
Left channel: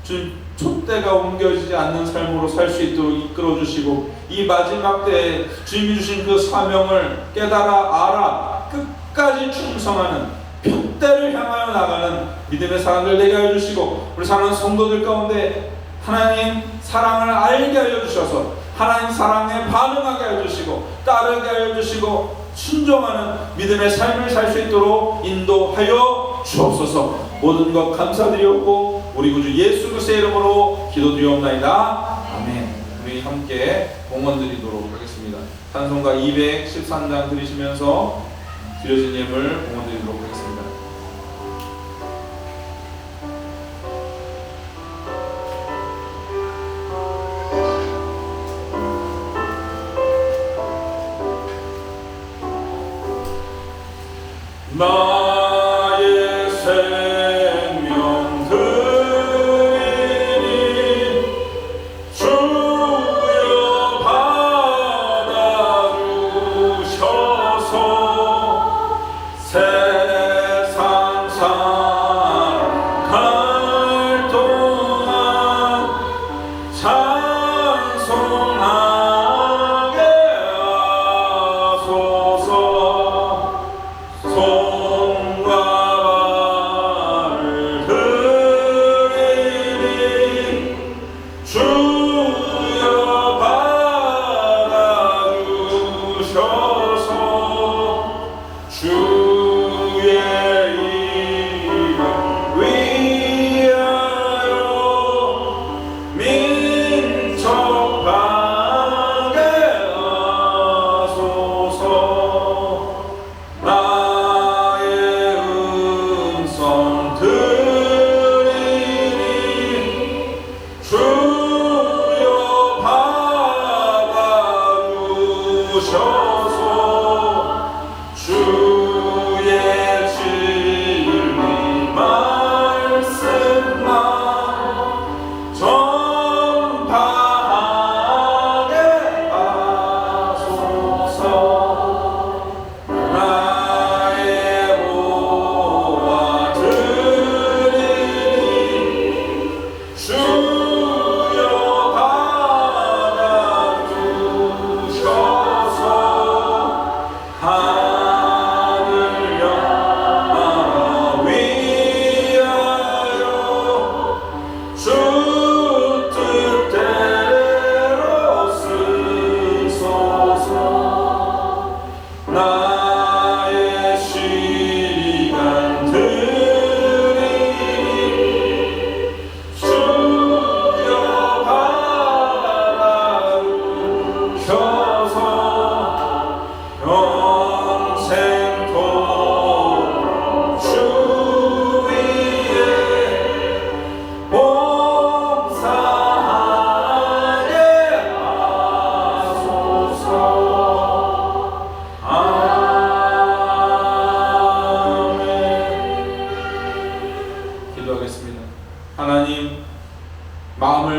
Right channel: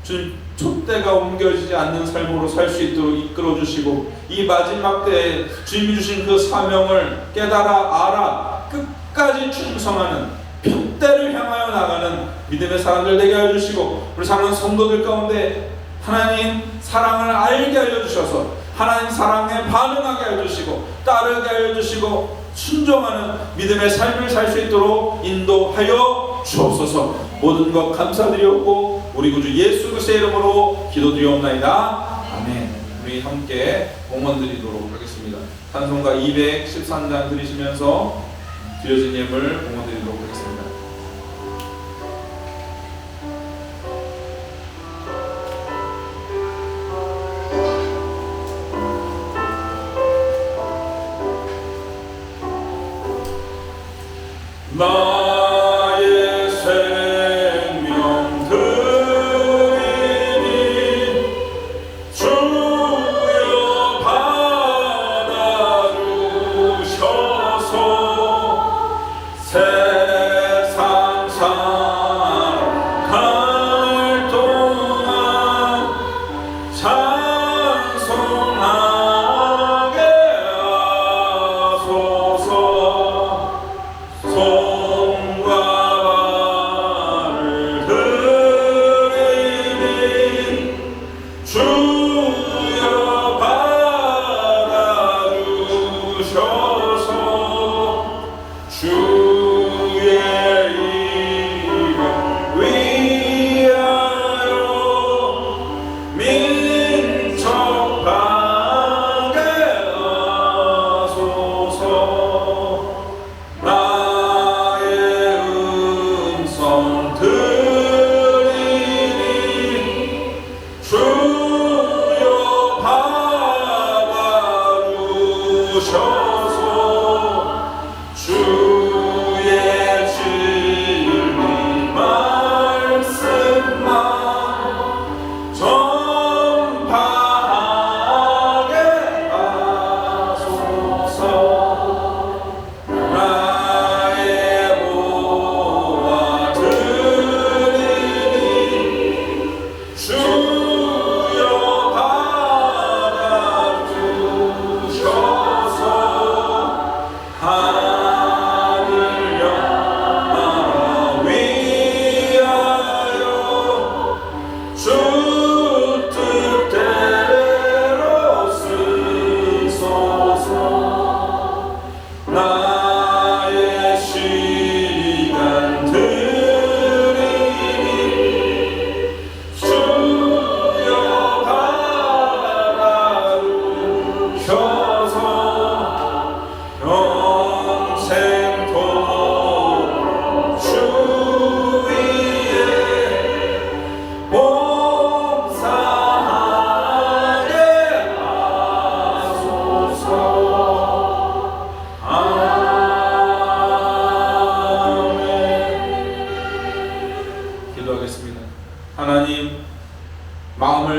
주님 촛대가 옮겨지지 않는 삶으로 살 수 있도록 이끌어 주시고 이 마지막 때에 주님이 주신 그 사명을 깨달아 알아 끝까지 충성하는 촛대를 향하여 나가는 믿음의 사람들 되게 하여 주시고 우리 사랑하는 성도들 가운데 하나님 사랑을 알게 하여 주셔서 하나님 사랑에 반응하게 하여 주시고 따르게 하여 주시고 순종하는 믿음의 삶을 살 수 있도록 인도하여 주옵소서. 모든 것 감사드리옵고 우리 구주 예수 그리스도의 이름으로 기도드리옵나이다. 아멘. 우리 함께 공헌 드리도록 하겠습니다. 찬송가 213장 드리시면서 드려진 예물 공헌 드리도록 하겠습니다. 나의 생명 드리니 주여 받아주셔서 새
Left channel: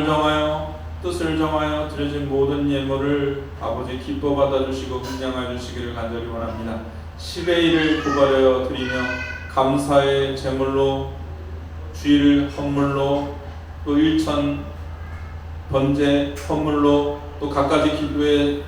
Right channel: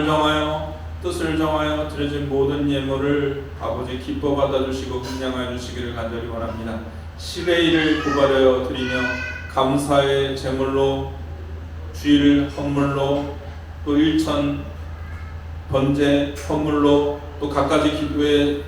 정하여 뜻을 정하여 드려진 모든 예물을 아버지 기뻐 받아주시고 긍량하여 주시기를 간절히 원합니다. 10의 1을 고발하여 드리며 감사의 제물로 주일 헌물로 또 1천 번제 헌물로 또 각가지 기도의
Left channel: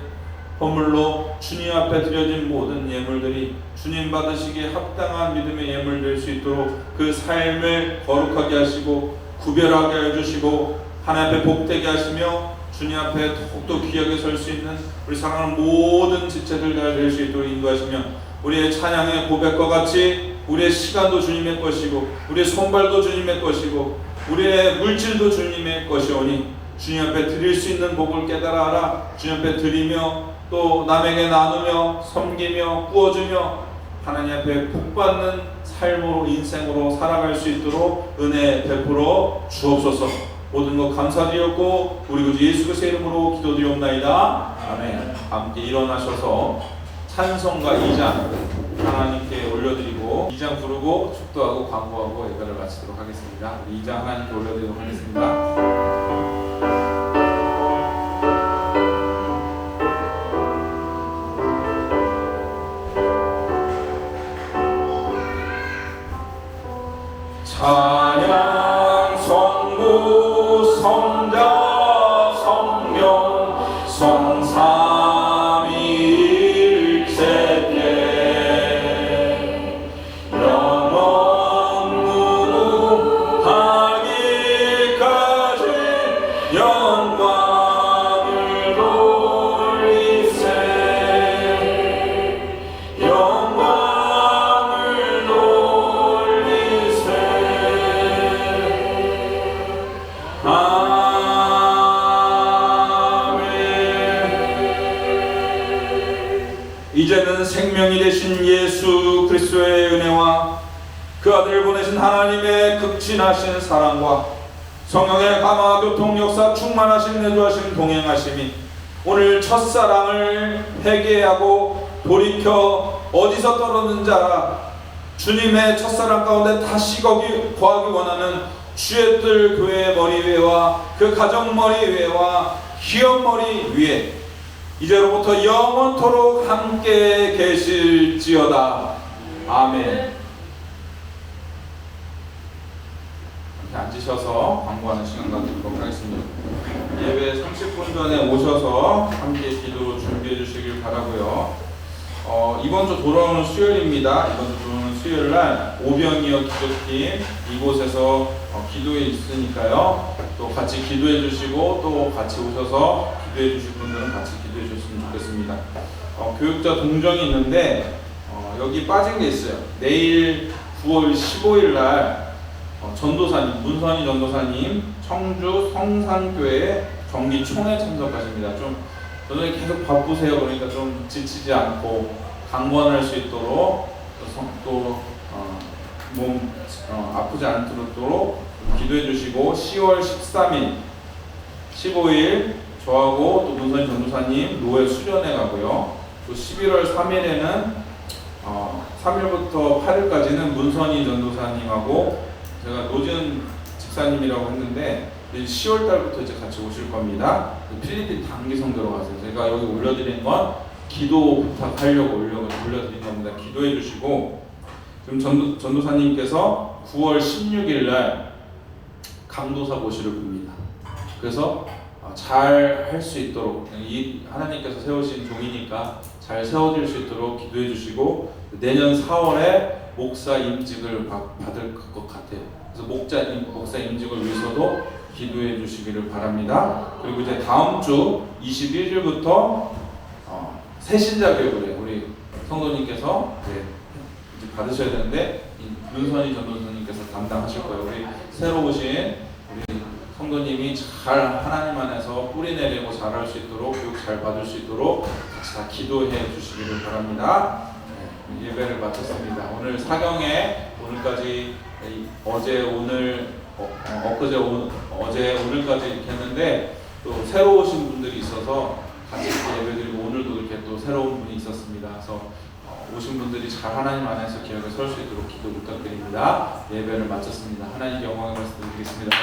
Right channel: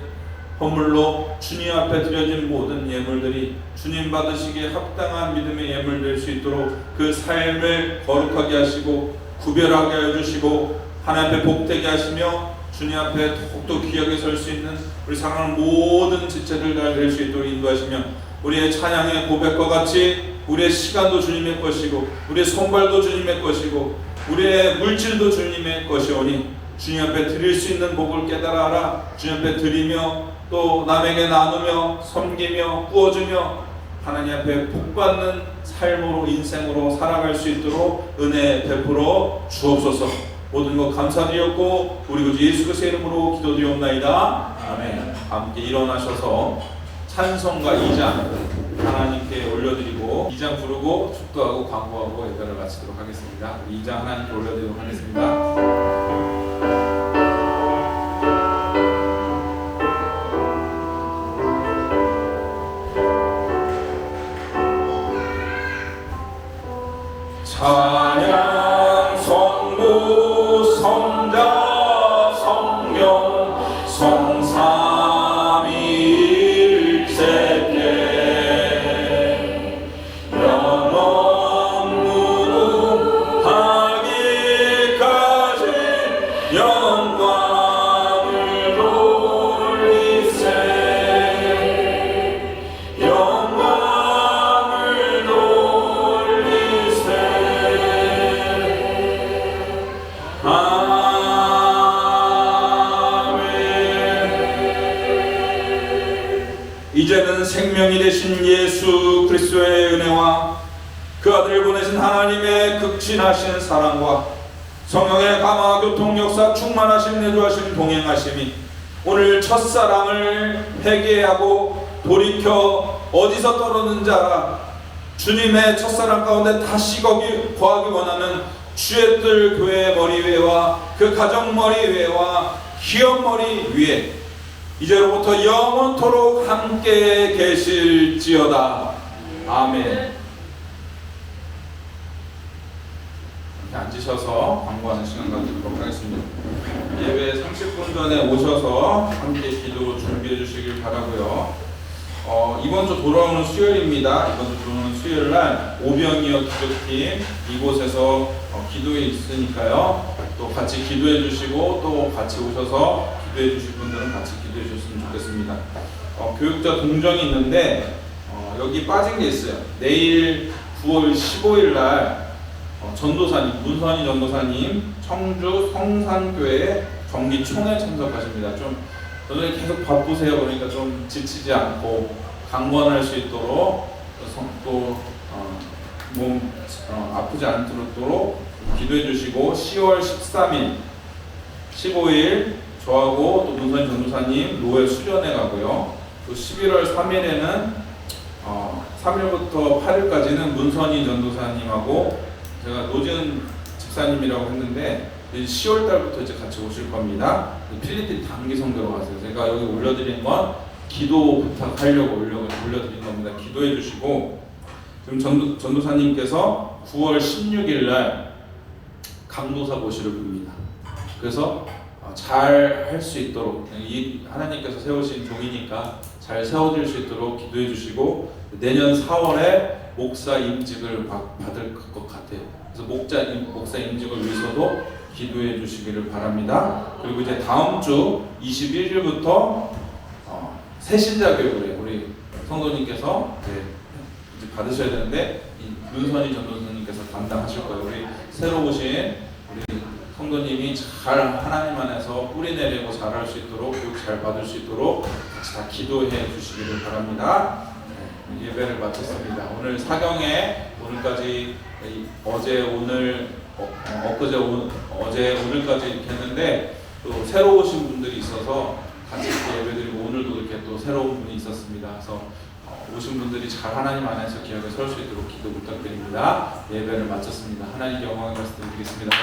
헌물로 주님 앞에 드려진 모든 예물들이 주님 받으시기에 합당한 믿음의 예물 될 수 있도록 그 삶을 거룩하게 하시고 구별하게 해주시고 하나님 앞에 복되게 하시며 주님 앞에 더욱더 귀하게 설 수 있는 우리 사랑하는 모든 지체들 다 될 수 있도록 인도하시며 우리의 찬양의 고백과 같이 우리의 시간도 주님의 것이고 우리의 손발도 주님의 것이고 우리의 물질도 주님의 것이오니 주님 앞에 드릴 수 있는 복을 깨달아 알아 주님 앞에 드리며 또 남에게 나누며 섬기며 구워주며 하나님 앞에 복받는 삶으로 인생으로 살아갈 수 있도록 은혜 베풀어 주옵소서. 모든 것 감사드렸고 우리 구주 예수 그리스도의 이름으로 기도드리옵나이다. 아멘. 함께 일어나셔서 찬송가 2장 하나님께 올려드리고 2장 부르고 축도하고 광고하고 예배를 마치도록 하겠습니다. 2장 하나님께 올려드리도록 하겠습니다. 찬양 성부 성자 성령 성삼위일체께 영원 무궁하기까지 영광을 돌리세 영광을 돌리세 이제는 생명이 되신 예수 그리스도의 은혜와 그 아들을 보내신 하나님의 극진하신 사랑과 성령의 감화 교통 역사 충만하신 내주하신 동행하심이 오늘 첫사랑을 회개하고 돌이켜 어디서 떨어졌는지 알아 주님의 첫사랑 가운데 다시 거기 거하기 원하는 주의 뜰 교회의 머리 위에와 그 가정 머리 위에와 기업 머리 위에 이제로부터 영원토록 함께 계실지어다. 아멘. 앉으셔서 광고하는 시간 가지도록 하겠습니다. 예배 30분 전에 오셔서 함께 기도 준비해 주시길 바라고요. 이번 주 돌아오는 수요일입니다. 이번 주 돌아오는 수요일 날 오병이어 기도팀 이곳에서 기도에 있으니까요. 또 같이 기도해 주시고 또 같이 오셔서 기도해 주실 분들은 같이 기도해 주셨으면 좋겠습니다. 교육자 동정이 있는데 여기 빠진 게 있어요. 내일 9월 15일 날 전도사님 문선희 전도사님 청주 성산교회 정기총회 참석하십니다. 좀 저는 계속 바쁘세요. 그러니까 좀 지치지 않고 강권할 수 있도록 또 몸 아프지 않도록 기도해 주시고 10월 13일 15일 저하고 또 문선희 전도사님 노예 수련회 가고요. 또 11월 3일에는 3일부터 8일까지는 문선희 전도사님하고 제가 노지은 집사님이라고 했는데 10월 달부터 이제 같이 오실 겁니다. 필리핀 단기 성도로 가세요. 제가 여기 올려드린 건 기도 부탁하려고 올려드린 겁니다. 기도해 주시고 지금 전도사님께서 9월 16일 날 강도사 고시를 봅니다. 그래서 잘 할 수 있도록 이 하나님께서 세우신 종이니까 잘 세워질 수 있도록 기도해 주시고 내년 4월에 목사 임직을 받을 것 같아요. 그래서 목사 임직을 위해서도 기도해 주시기를 바랍니다. 그리고 이제 다음 주 21일부터 새신자 교육을 우리 성도님께서 이제 받으셔야 되는데 문선희 전도사님께서 담당하실 거예요. 우리 새로 오신 우리 성도님이 잘 하나님 안에서 뿌리 내리고 잘할 수 있도록 교육 잘 받을 수 있도록 같이 다 기도해 주시기를 바랍니다. 예배를 마쳤습니다. 오늘 사경에 오늘까지 어제 오늘 어제 오늘까지 이렇게 했는데 또 새로 오신 분들이 있어서 같이 예배드리고 오늘도 이렇게 또 새로운 분이 있었습니다. 그래서 오신 분들이 잘 하나님 안에서 기억에 설 수 있도록 기도 부탁드립니다. 예배를 마쳤습니다. 하나님 영광의 말씀 드리겠습니다.